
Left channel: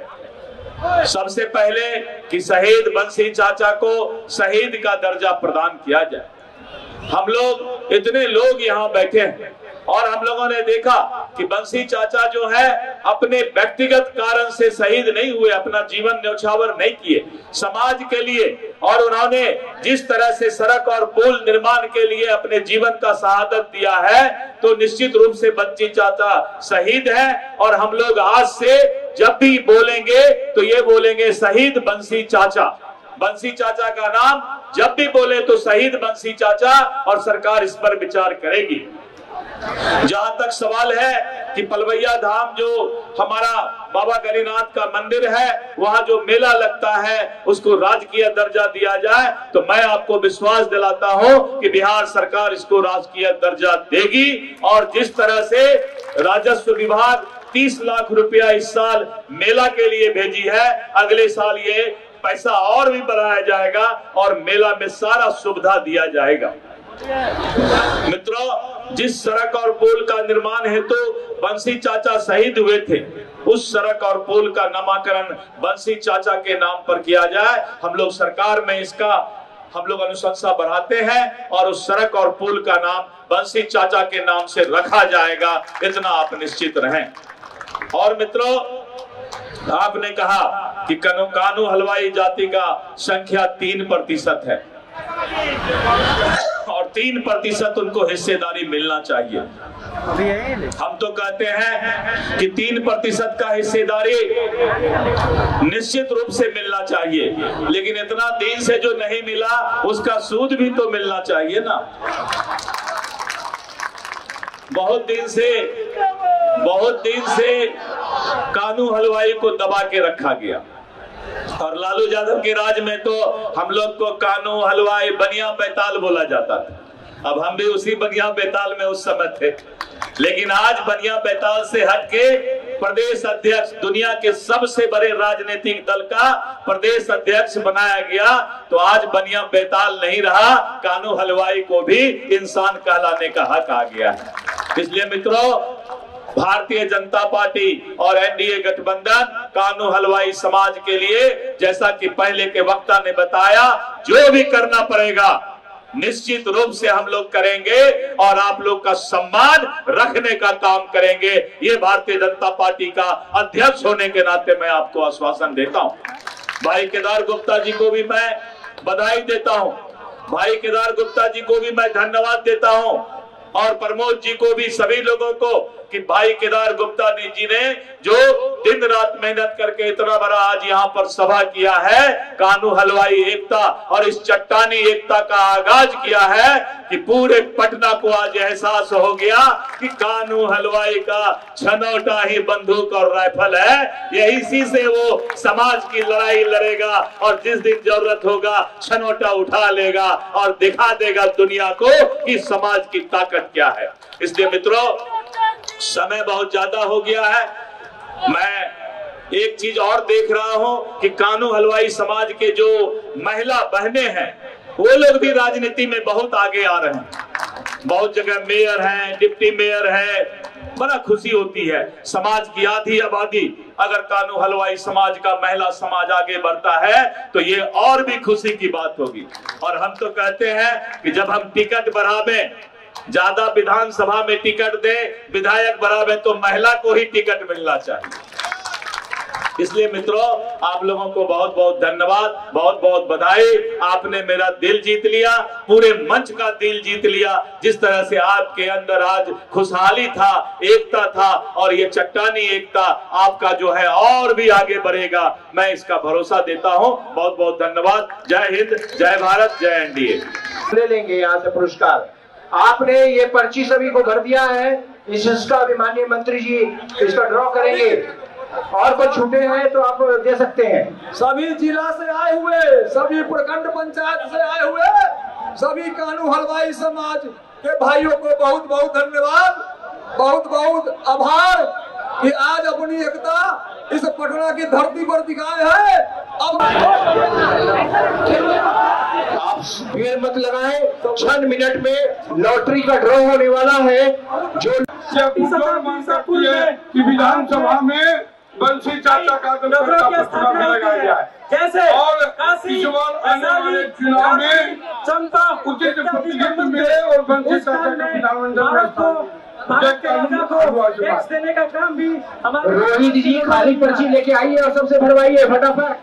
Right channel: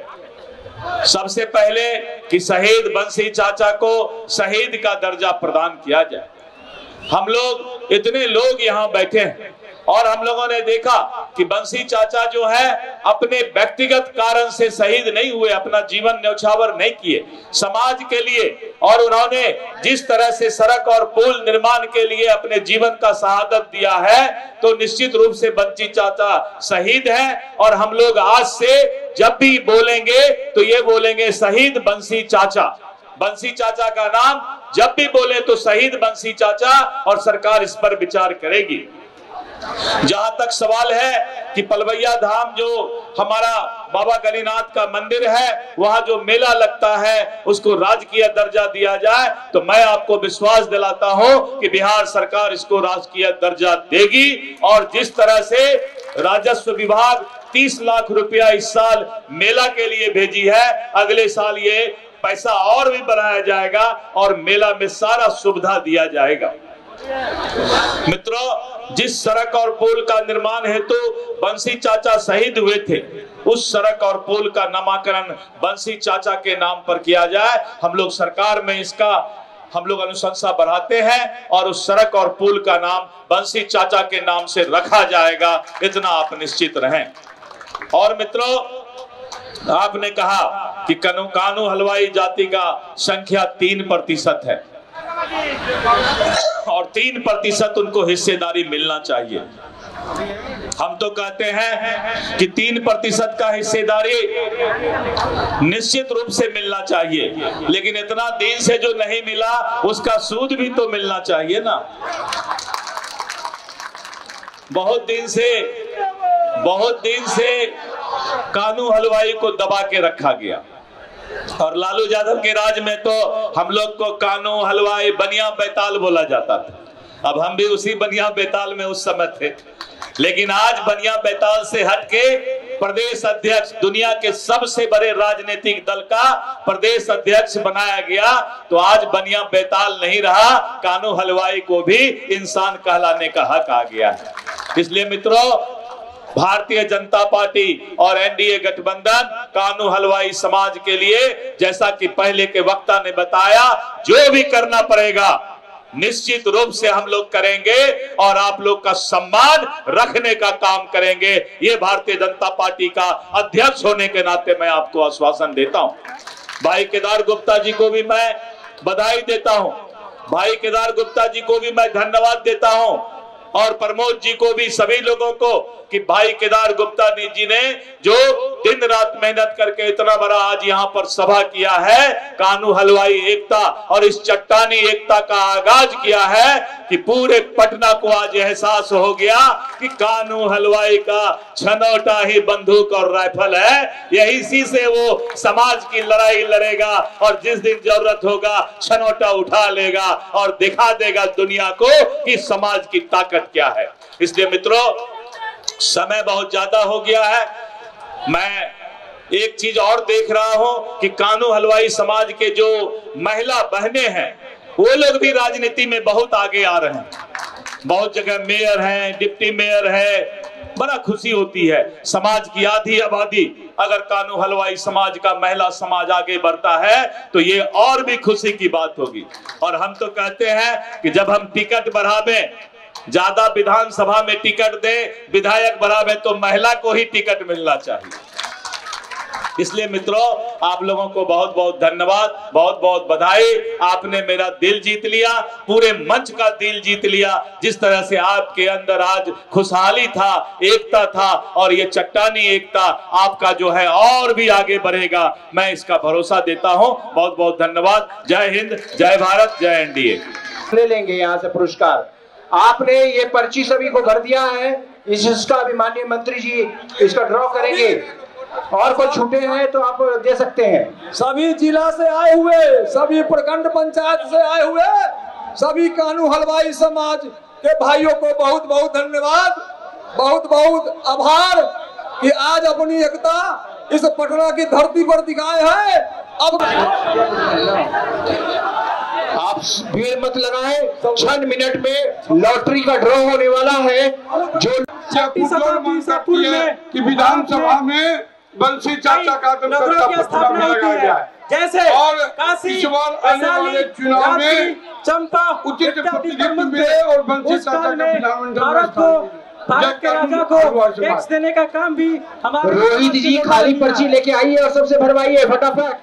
सबसे पहले कि शहीद बंसी चाचा को शहीद का दर्जा प्रदान किया जाए। हम लोग इतने लोग यहाँ बैठे हैं और हम लोगों ने देखा कि बंसी चाचा जो है अपने व्यक्तिगत कारण से शहीद नहीं हुए, अपना जीवन न्यौछावर नहीं किए समाज के लिए, और उन्होंने जिस तरह से सड़क और पुल निर्माण के लिए अपने जीवन का शहादत दिया है, तो निश्चित रूप से बंसी चाचा शहीद है। और हम लोग आज से जब भी बोलेंगे तो ये बोलेंगे शहीद बंसी चाचा। बंसी चाचा का नाम जब भी बोले तो शहीद बंसी चाचा, और सरकार इस पर विचार करेगी। जहां तक सवाल है कि पलवैया धाम जो हमारा बाबा गणिनाथ का मंदिर है, वहां जो मेला लगता है उसको राजकीय दर्जा दिया जाए, तो मैं आपको विश्वास दिलाता हूं कि बिहार सरकार इसको राजकीय दर्जा देगी। और जिस तरह से राजस्व विभाग 30 लाख रुपया इस साल मेला के लिए भेजी है, अगले साल ये पैसा और भी बढ़ाया जाएगा और मेला में सारा सुविधा दिया जाएगा। मित्रों, जिस सड़क और पुल का निर्माण हेतु बंसी चाचा शहीद हुए थे, उस सड़क और पुल का नामकरण बंसी चाचा के नाम पर किया जाए। हम लोग सरकार में इसका हम लोग अनुशंसा बढ़ाते हैं और उस सड़क और पुल का नाम बंसी चाचा के नाम से रखा जाएगा, इतना आप निश्चित रहें। और मित्रों, आपने कहा कि कानू हलवाई जाति का संख्या 3% है और 3% उनको हिस्सेदारी मिलना चाहिए। हम तो कहते हैं कि 3% का हिस्सेदारी निश्चित रूप से मिलना चाहिए, लेकिन इतना दिन से जो नहीं मिला उसका सूद भी तो मिलना चाहिए ना। बहुत दिन से कानू हलवाई को दबा के रखा गया, और लालू यादव के राज में तो हम लोग को कानू हलवाई बनिया बैताल बोला जाता था। अब हम भी उसी बनिया बैताल में उस समय थे, लेकिन आज बनिया बैताल से हटके प्रदेश अध्यक्ष, दुनिया के सबसे बड़े राजनीतिक दल का प्रदेश अध्यक्ष बनाया गया, तो आज बनिया बैताल नहीं रहा, कानू हलवाई को भी इंसान कहलाने का हक आ गया है। इसलिए मित्रों, भारतीय जनता पार्टी और एनडीए गठबंधन कानू हलवाई समाज के लिए, जैसा कि पहले के वक्ता ने बताया, जो भी करना पड़ेगा निश्चित रूप से हम लोग करेंगे और आप लोग का सम्मान रखने का काम करेंगे। ये भारतीय जनता पार्टी का अध्यक्ष होने के नाते मैं आपको आश्वासन देता हूं। भाई केदार गुप्ता जी को भी मैं बधाई देता हूं, भाई केदार गुप्ता जी को भी मैं धन्यवाद देता हूं, और प्रमोद जी को भी, सभी लोगों को, कि भाई केदार गुप्ता जी ने जो दिन रात मेहनत करके इतना बड़ा आज यहाँ पर सभा किया है, कानू हलवाई एकता और इस चट्टानी एकता का आगाज किया है, कि पूरे पटना को आज एहसास हो गया कि कानू हलवाई का छनौटा ही बंदूक और राइफल है। यही इसी से वो समाज की लड़ाई लड़ेगा और जिस दिन जरूरत होगा छनौटा उठा लेगा और दिखा देगा दुनिया को कि समाज की ताकत क्या है। इसलिए मित्रों, समय बहुत ज्यादा हो गया है। मैं एक चीज और देख रहा हूं कि कानू हलवाई समाज के जो महिला बहनें हैं, वो लोग भी राजनीति में बहुत आगे आ रहे हैं। बहुत जगह मेयर हैं, डिप्टी मेयर है, बड़ा खुशी होती है। समाज की आधी आबादी अगर कानू हलवाई समाज का महिला समाज आगे बढ़ता है तो ये और भी खुशी की बात होगी। और हम तो कहते हैं कि जब हम टिकट बढ़ावे, ज्यादा विधानसभा में टिकट दे, विधायक बढ़ावे, तो महिला को ही टिकट मिलना चाहिए। इसलिए मित्रों, आप लोगों को बहुत बहुत धन्यवाद, बहुत बहुत बधाई। आपने मेरा दिल जीत लिया, पूरे मंच का दिल जीत लिया। जिस तरह से आपके अंदर आज खुशहाली था, एकता था, और ये चट्टानी एकता आपका जो है और भी आगे बढ़ेगा, मैं इसका भरोसा देता हूं। बहुत बहुत धन्यवाद। जय हिंद, जय भारत, जय एनडीए। ले लेंगे यहाँ से पुरस्कार। आपने ये पर्ची सभी को भर दिया है, इसका भी माननीय मंत्री जी इसका ड्रॉ करेंगे, और कोई छूटे हैं तो आप दे सकते हैं। सभी जिला से आए हुए, सभी प्रखंड पंचायत से आए हुए सभी कानू हलवाई समाज के भाइयों को बहुत बहुत धन्यवाद, बहुत बहुत आभार कि आज अपनी एकता इस पटना की धरती पर दिखाए है। अब आप भीड़ मत लगाएं, 6 मिनट में लॉटरी का ड्रॉ होने वाला है। जो कि विधानसभा में बंसी चाचा का स्थापना लगाया है, जैसे और इस बार आने वाले चुनाव में चंपा उचित प्रतिनिधित्व मिले और बंसी चाचा का विधानमंडल भारत के राजा को टैक्स देने का काम भी हमारे रोहित जी खाली पर्ची लेके आइए और सबसे भरवाइए फटाफट।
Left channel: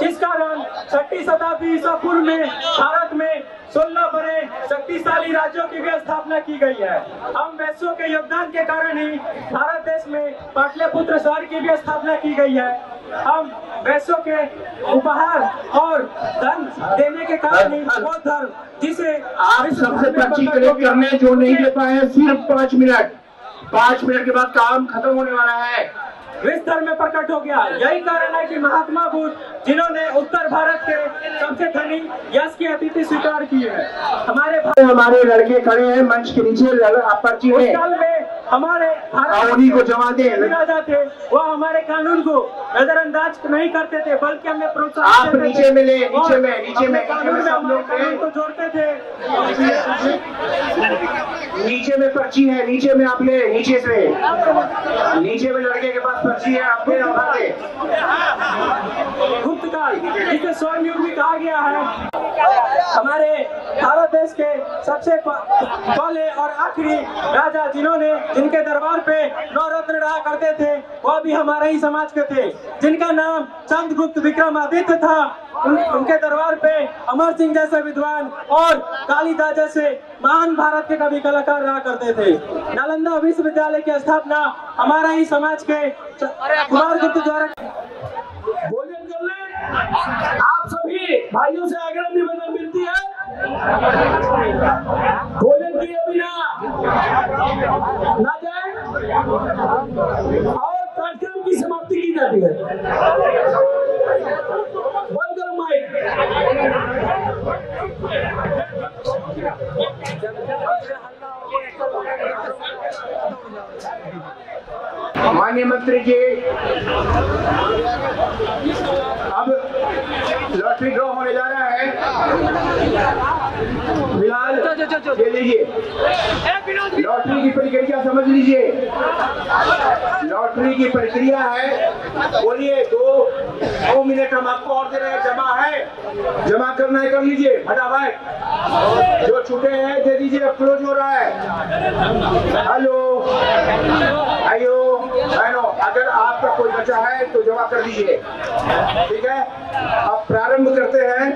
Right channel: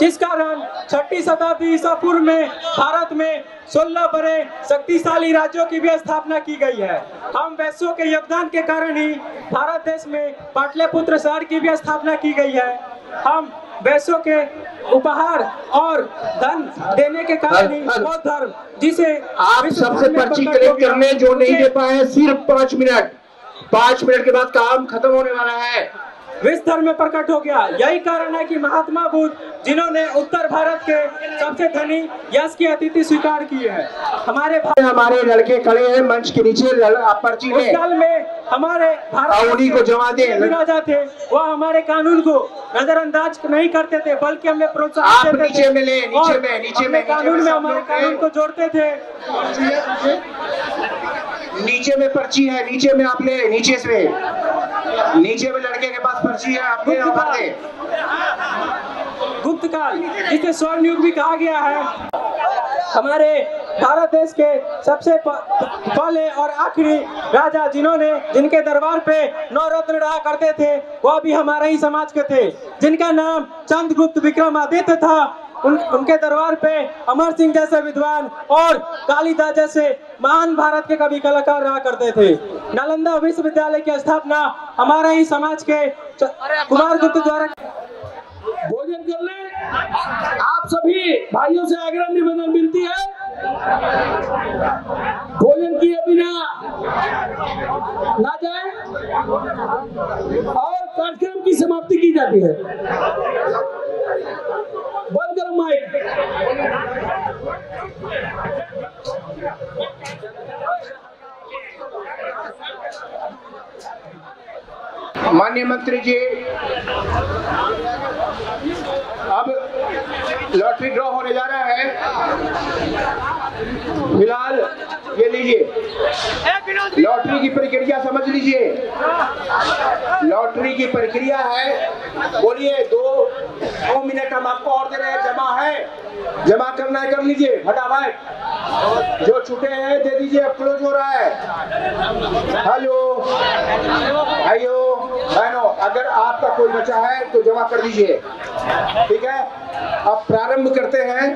जिस कारण 6वीं शताब्दी ईसा पूर्व में भारत में 16 बड़े शक्तिशाली राज्यों की भी स्थापना की गई है। हम वैश्यों के योगदान के कारण ही भारत देश में पाटलिपुत्र शहर की भी स्थापना की गई है। हम वैश्यों के उपहार और धन देने के कारण ही बौद्ध धर्म, जिसे आप सबसे पर्ची कलेक्ट करने जो नहीं दे पाए सिर्फ 5 मिनट, 5 मिनट के बाद काम खत्म होने वाला है। विश्व धर्म में प्रकट हो गया। यही कारण है कि महात्मा बुद्ध, जिन्होंने उत्तर भारत के सबसे धनी यश की अतिथि स्वीकार की है, हमारे लड़के खड़े हैं मंच के नीचे, पर्ची उस काल में हमारे भारत को जमा दे राजा थे, वह हमारे कानून को नजरअंदाज नहीं करते थे, बल्कि हमें प्रोत्साहन देते थे। नीचे में नीचे में कानून में हमारे कानून को जोड़ते थे। नीचे में पर्ची है, नीचे में आप ले, नीचे में लड़के के पास पर्ची है, आप ले। गुप्त काल, जिसे स्वर्ण युग भी कहा गया है, हमारे भारत देश के सबसे पहले और आखिरी राजा जिनके दरबार पे 9 रत्न रहा करते थे, वह भी हमारे ही समाज के थे, जिनका नाम चंद्रगुप्त विक्रमादित्य था। उनके दरबार पे अमर सिंह जैसे विद्वान और कालिदास जैसे महान भारत के कवि कलाकार रहा करते थे। नालंदा विश्वविद्यालय की स्थापना हमारा ही समाज के कुमार गुप्त द्वारा। भोजन कर ले। आप सभी भाइयों से आग्रह निवेदन विनती है, भोजन किए बिना ना जाए और कार्यक्रम की समाप्ति की जाती है। बंद करो माइक। माननीय मंत्री जी, अब लॉटरी ड्रॉ होने जा रहा है। फिलहाल ये लीजिए, लॉटरी की प्रक्रिया समझ लीजिए। लॉटरी की प्रक्रिया है, बोलिए 2 मिनट हम आपको और दे रहे हैं। जमा है, जमा करना है कर लीजिए फटाफट। जो छूटे हैं दे दीजिए, क्लोज हो रहा है। हेलो आइयो बहनों, अगर आपका कोई बचा है तो जमा कर लीजिए, ठीक है। अब प्रारंभ करते हैं।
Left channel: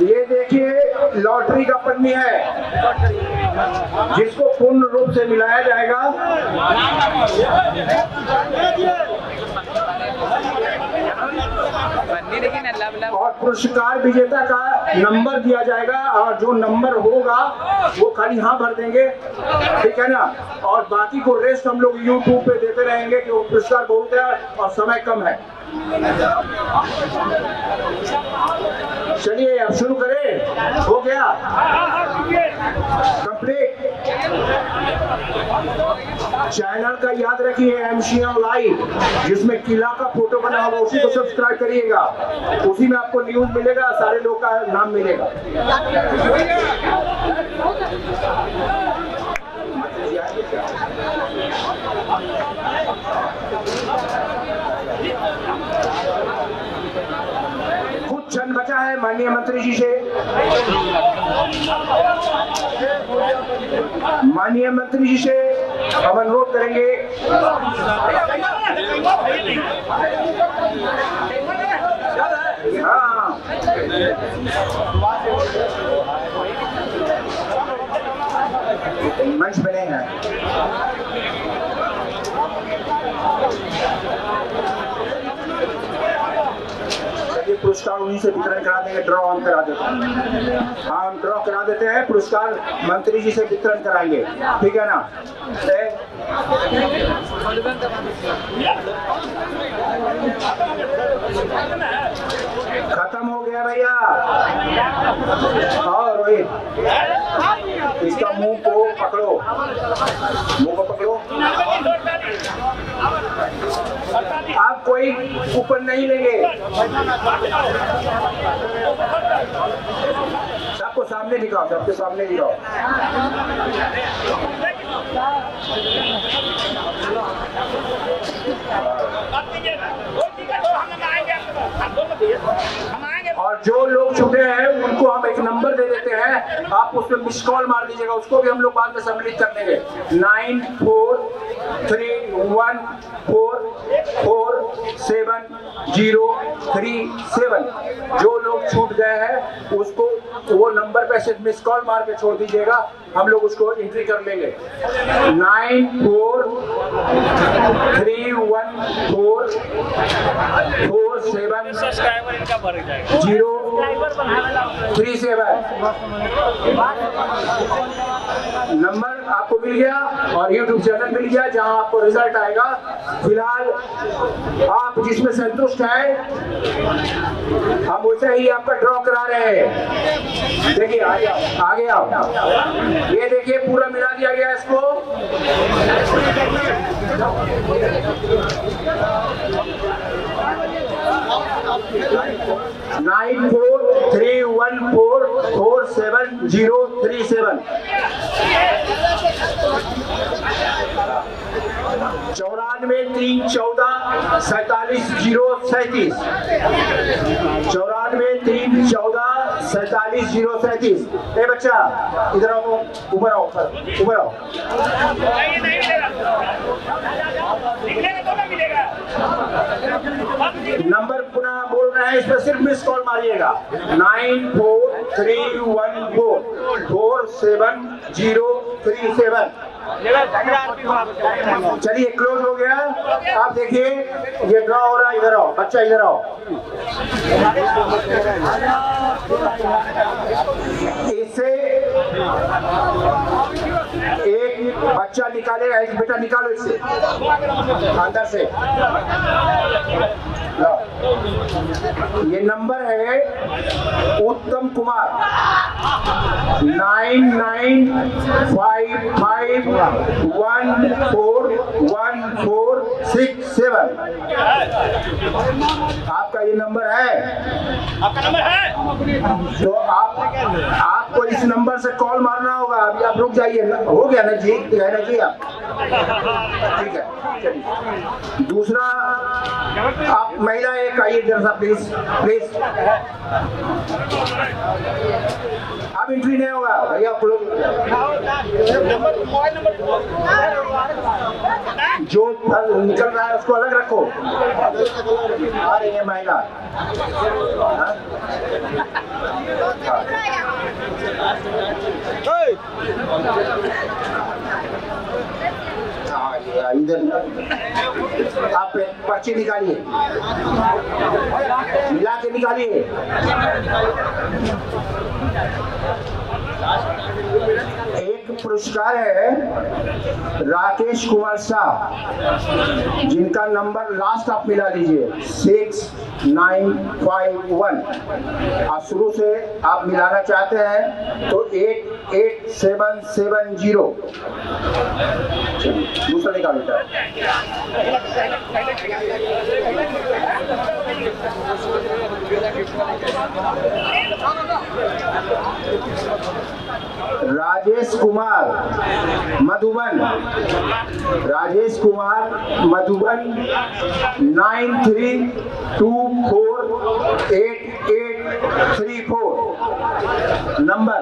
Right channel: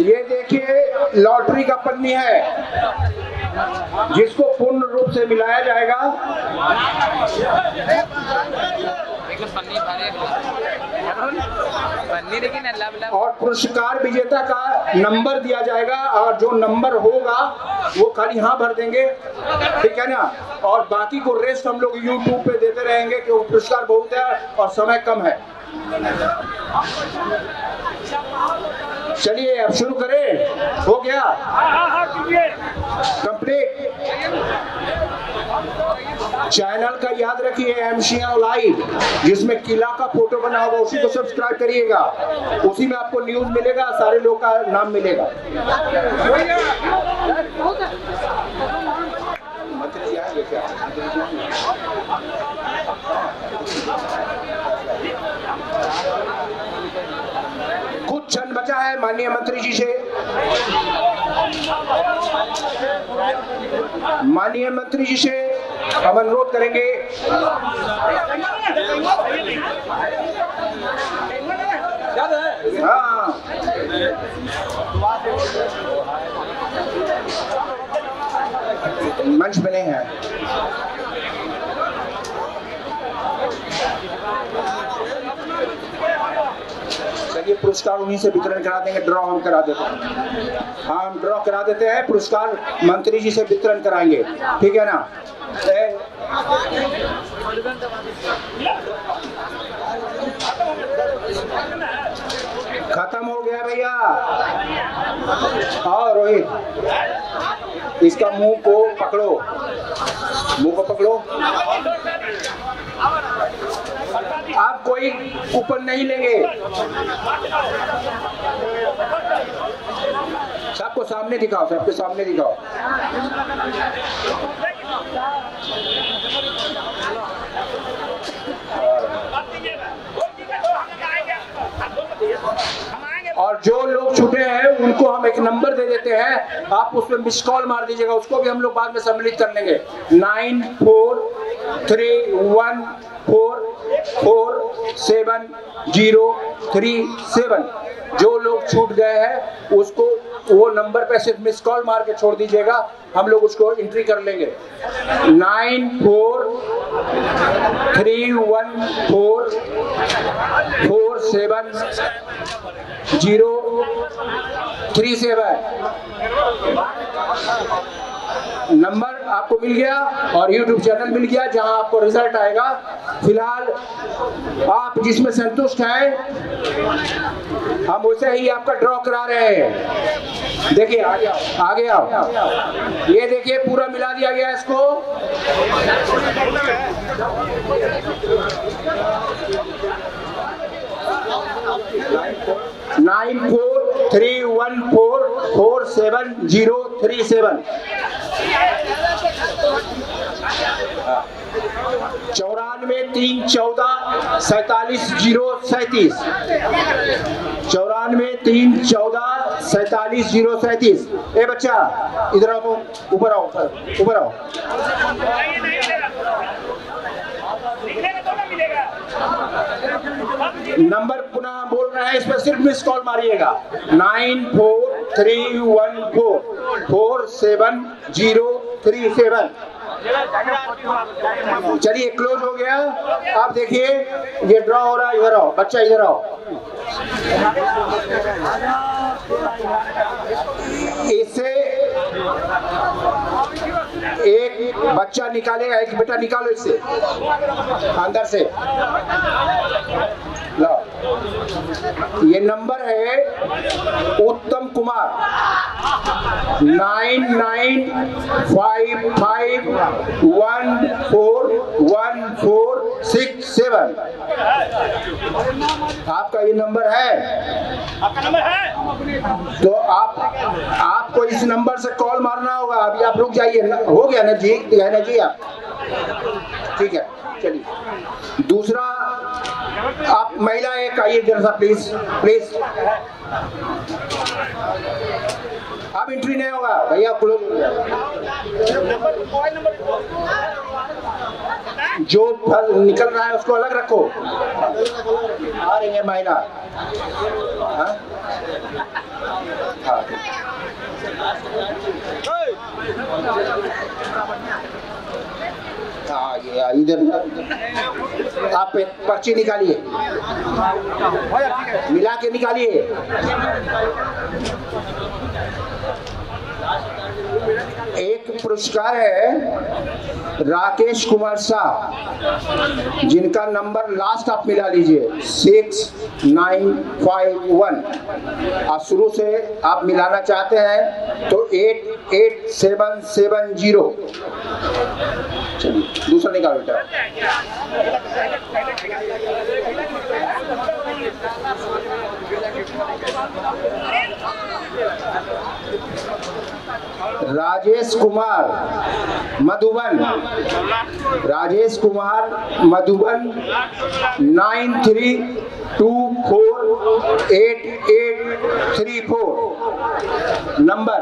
ये देखिए लॉटरी का पन्नी है, जिसको पूर्ण रूप से मिलाया जाएगा। और पुरस्कार विजेता का नंबर दिया जाएगा, और जो नंबर होगा वो खाली हाँ भर देंगे, ठीक है ना। और बाकी को रेस्ट हम लोग यूट्यूब पे देते रहेंगे, क्योंकि पुरस्कार बहुत है और समय कम है। चलिए अब शुरू करें। हो गया कंप्लीट। चैनल का याद रखिए MCM लाइव, जिसमें किला का फोटो बना होगा, उसी को सब्सक्राइब करिएगा। उसी में आपको न्यूज मिलेगा, सारे लोग का नाम मिलेगा। कुछ क्षण बचा है माननीय मंत्री जी से। माननीय मंत्री जी से हम अनुरोध करेंगे हाँ मंच बने हैं। चलिए पुरस्कार उन्हीं से वितरण करा देंगे, ड्रॉ हम करा देते हैं। हम ड्रॉ करा देते हैं, पुरस्कार मंत्री जी से वितरण कराएंगे, ठीक है ना। खत्म हो गया भैया। हाँ रोहित, इसका मुंह को पकड़ो, मुंह को पकड़ो। आप कोई ऊपर नहीं लेंगे, सबको सामने दिखाओ, सबके सामने दिखाओ। और जो लोग छुपे हैं उनको हम एक नंबर दे देते हैं, आप उस पर मिस कॉल मार दीजिएगा, उसको भी हम लोग बाद में सम्मिलित कर देंगे। 9431447037। जो लोग छूट गए हैं उसको वो नंबर पे सिर्फ मिस कॉल मार के छोड़ दीजिएगा, हम लोग उसको एंट्री कर लेंगे। 9431447037 नंबर आपको मिल गया और यूट्यूब चैनल मिल गया जहां आपको रिजल्ट आएगा। फिलहाल आप जिसमें संतुष्ट हैं हम वैसे ही आपका ड्रॉ करा रहे हैं। देखिए आगे आओ, ये देखिए पूरा मिला दिया गया इसको। नाइन 9431447037 9431447037 9431447037। ए बच्चा इधर आओ, ऊपर आओ, ऊपर आओ। नंबर पुनः बोल रहे हैं, इस पर सिर्फ मिस कॉल मारिएगा। 9431447037। चलिए क्लोज हो गया। आप देखिए ये ड्रॉ हो रहा है, इधर आओ बच्चा, इधर आओ। इससे एक बच्चा निकालेगा, एक बेटा निकालो इससे अंदर से। ये नंबर है उत्तम कुमार 9955141467। आपका ये नंबर है? आपका नंबर है तो आपको इस नंबर से कॉल मारना होगा। अभी आप रुक जाइए, हो गया ना जी, है ना जी आप? ठीक है चलिए। दूसरा आप महिला एक आइए जरा प्लीज प्लीज। अब एंट्री नहीं होगा भैया, जो निकल रहा है उसको अलग रखो। आ रही है महिला, इधर आप पर्ची निकालिए, मिला के निकालिए। एक पुरस्कार है राकेश कुमार शाह, जिनका नंबर लास्ट आप मिला लीजिए 6951। और शुरू से आप मिलाना चाहते हैं तो 88770। दूसरा निकाल बेटा। राजेश कुमार मधुबन, राजेश कुमार मधुबन 93248834 नंबर।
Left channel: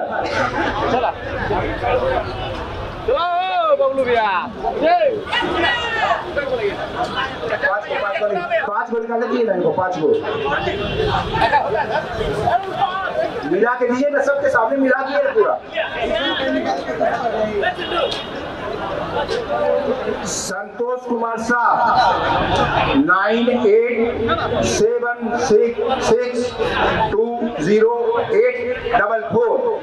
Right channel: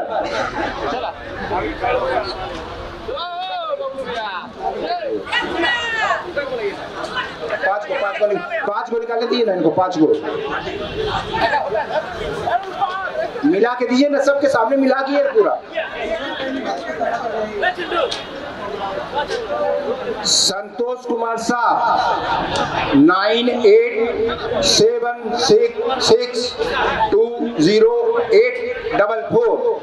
पाँच गो निकाल लेती है ना इनको, 5 गो मिला के दीजिए ना, सबके सामने मिला के पूरा। संतोष कुमार शाह 9876620844।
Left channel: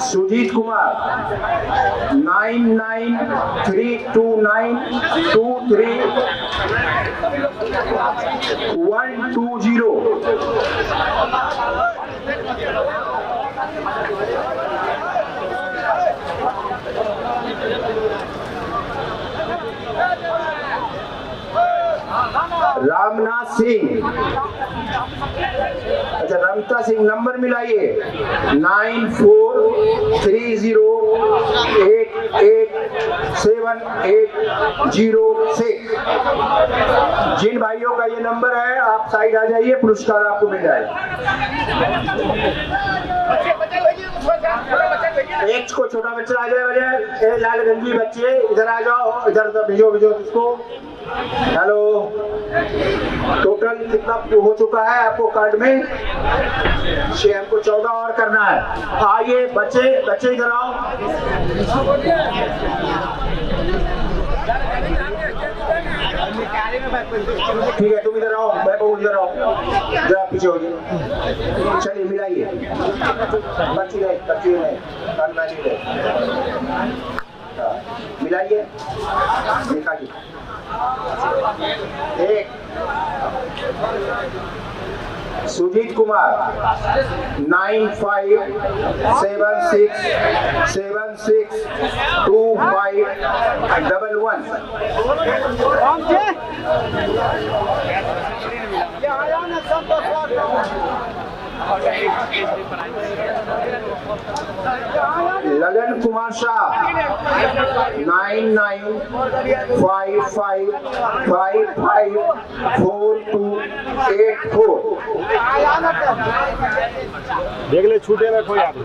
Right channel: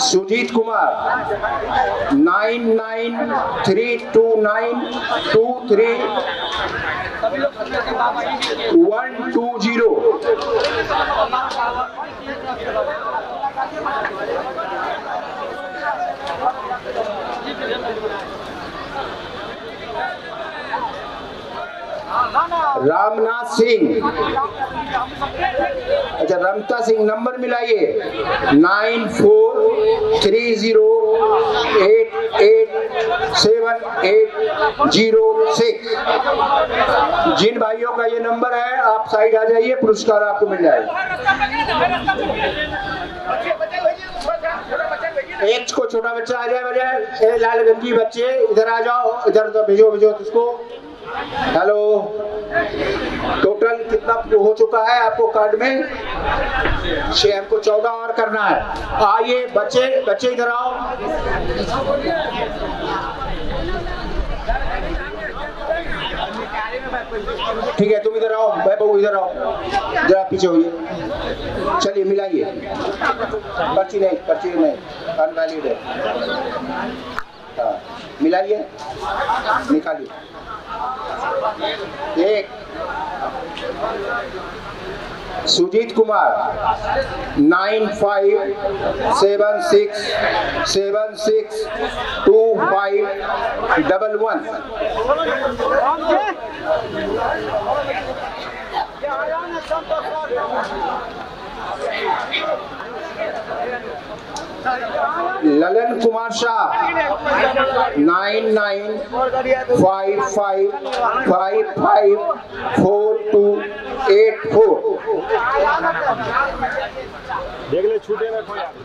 सुजीत कुमार 9932923120। रामनाथ सिंह, अच्छा रमता सिंह, नंबर मिलाइए 9430887806। जिन भाइयों का ये नंबर है आप साइड आ जाइए, पुरस्कार आपको मिल जाएगा। एक को छोटा बच्चा आ जाए, लालगंजी बच्चे इधर आ जाओ, इधर भेजो इसको। हेलो, टोटल कितना हो चुका है आपको कार्ड में? 6, हमको 14 और करना है। आइए बच्चे इधर आओ। ठीक है, तुम इधर आओ, बाबू इधर आओ, जरा पीछे होइए। चलिए मिलाइए, पर्ची नहीं कार्ड नहीं, मिलाइए, निकालिए। एक सुजीत कुमार 9576762511। ललन कुमार शाह 9955554284। देख ले छूटे ना कोई आदमी।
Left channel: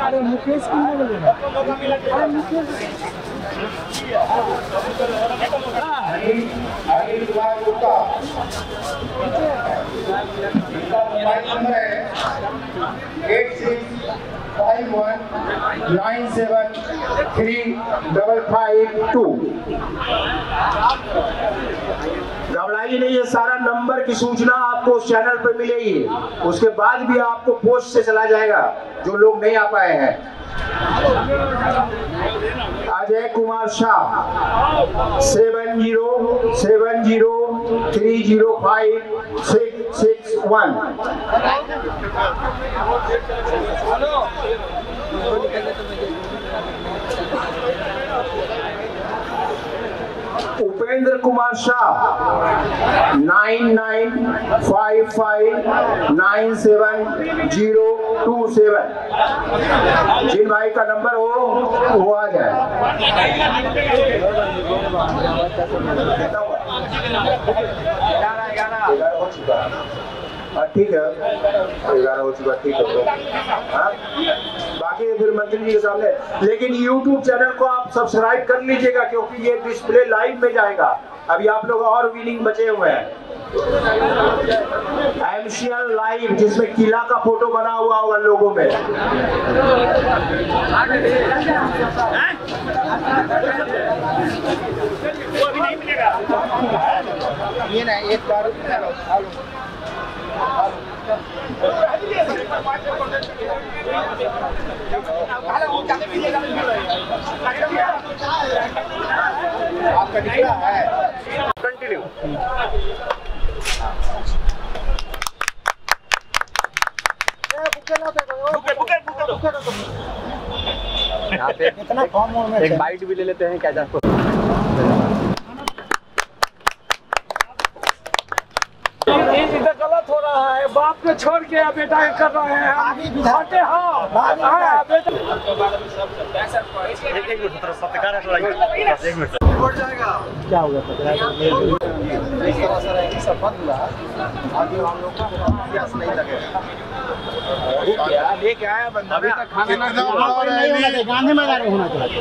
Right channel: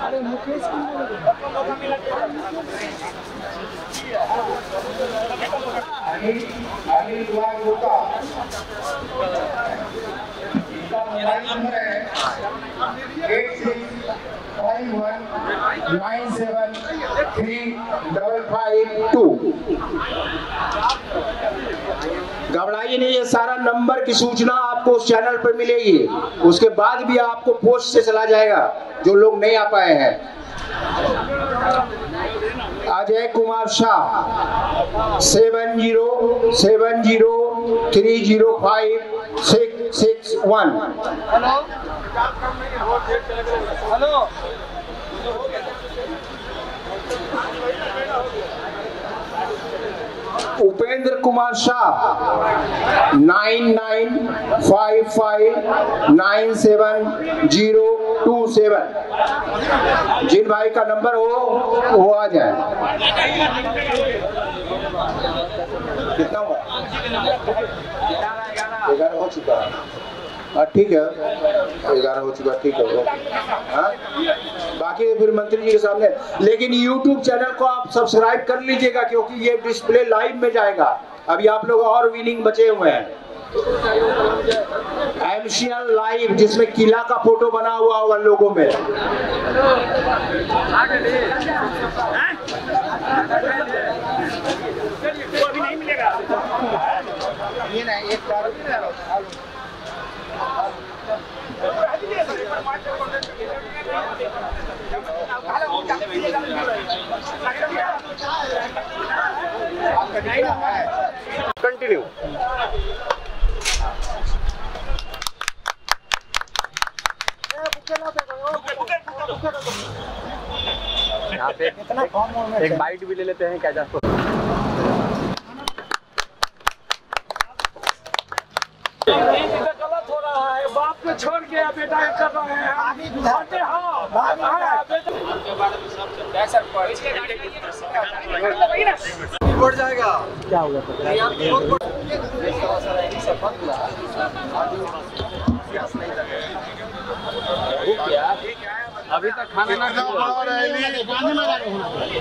अरे मुकेश नंबर है 8651973552। घबराइए नहीं, ये सारा नंबर की सूचना आपको उस चैनल पर मिलेगी। उसके बाद भी आपको पोस्ट से चला जाएगा जो लोग नहीं आ पाए हैं। अजय कुमार शाह 7070305661। उपेंद्र कुमार शाह 9955970227। जिन भाई का नंबर हो वो आ जाए। कितना हुआ? 11 हो चुका है। ठीक है, 11 हो चुका, ठीक है। बाकी फिर मंत्री जी के सामने। लेकिन YouTube चैनल को आप सब्सक्राइब कर लीजिएगा, क्योंकि ये डिस्प्ले लाइव में जाएगा। अभी आप लोग और विनिंग बचे हुए हैं। MCL लाइव, जिसमें किला का फोटो बना हुआ होगा लोगों में। वो अभी नहीं मिलेगा। ये ना एक बार आपका निकला है। कंटिन्यू। यहाँ पे कितना एक बाइट भी ले लेते हैं क्या? जाकर गलत हो रहा है, बाप को छोड़ के बेटा कर रहे हैं। हाँ, बढ़ जाएगा। क्या होगा अभी तक खाना गांधी मैदान में होना चाहिए।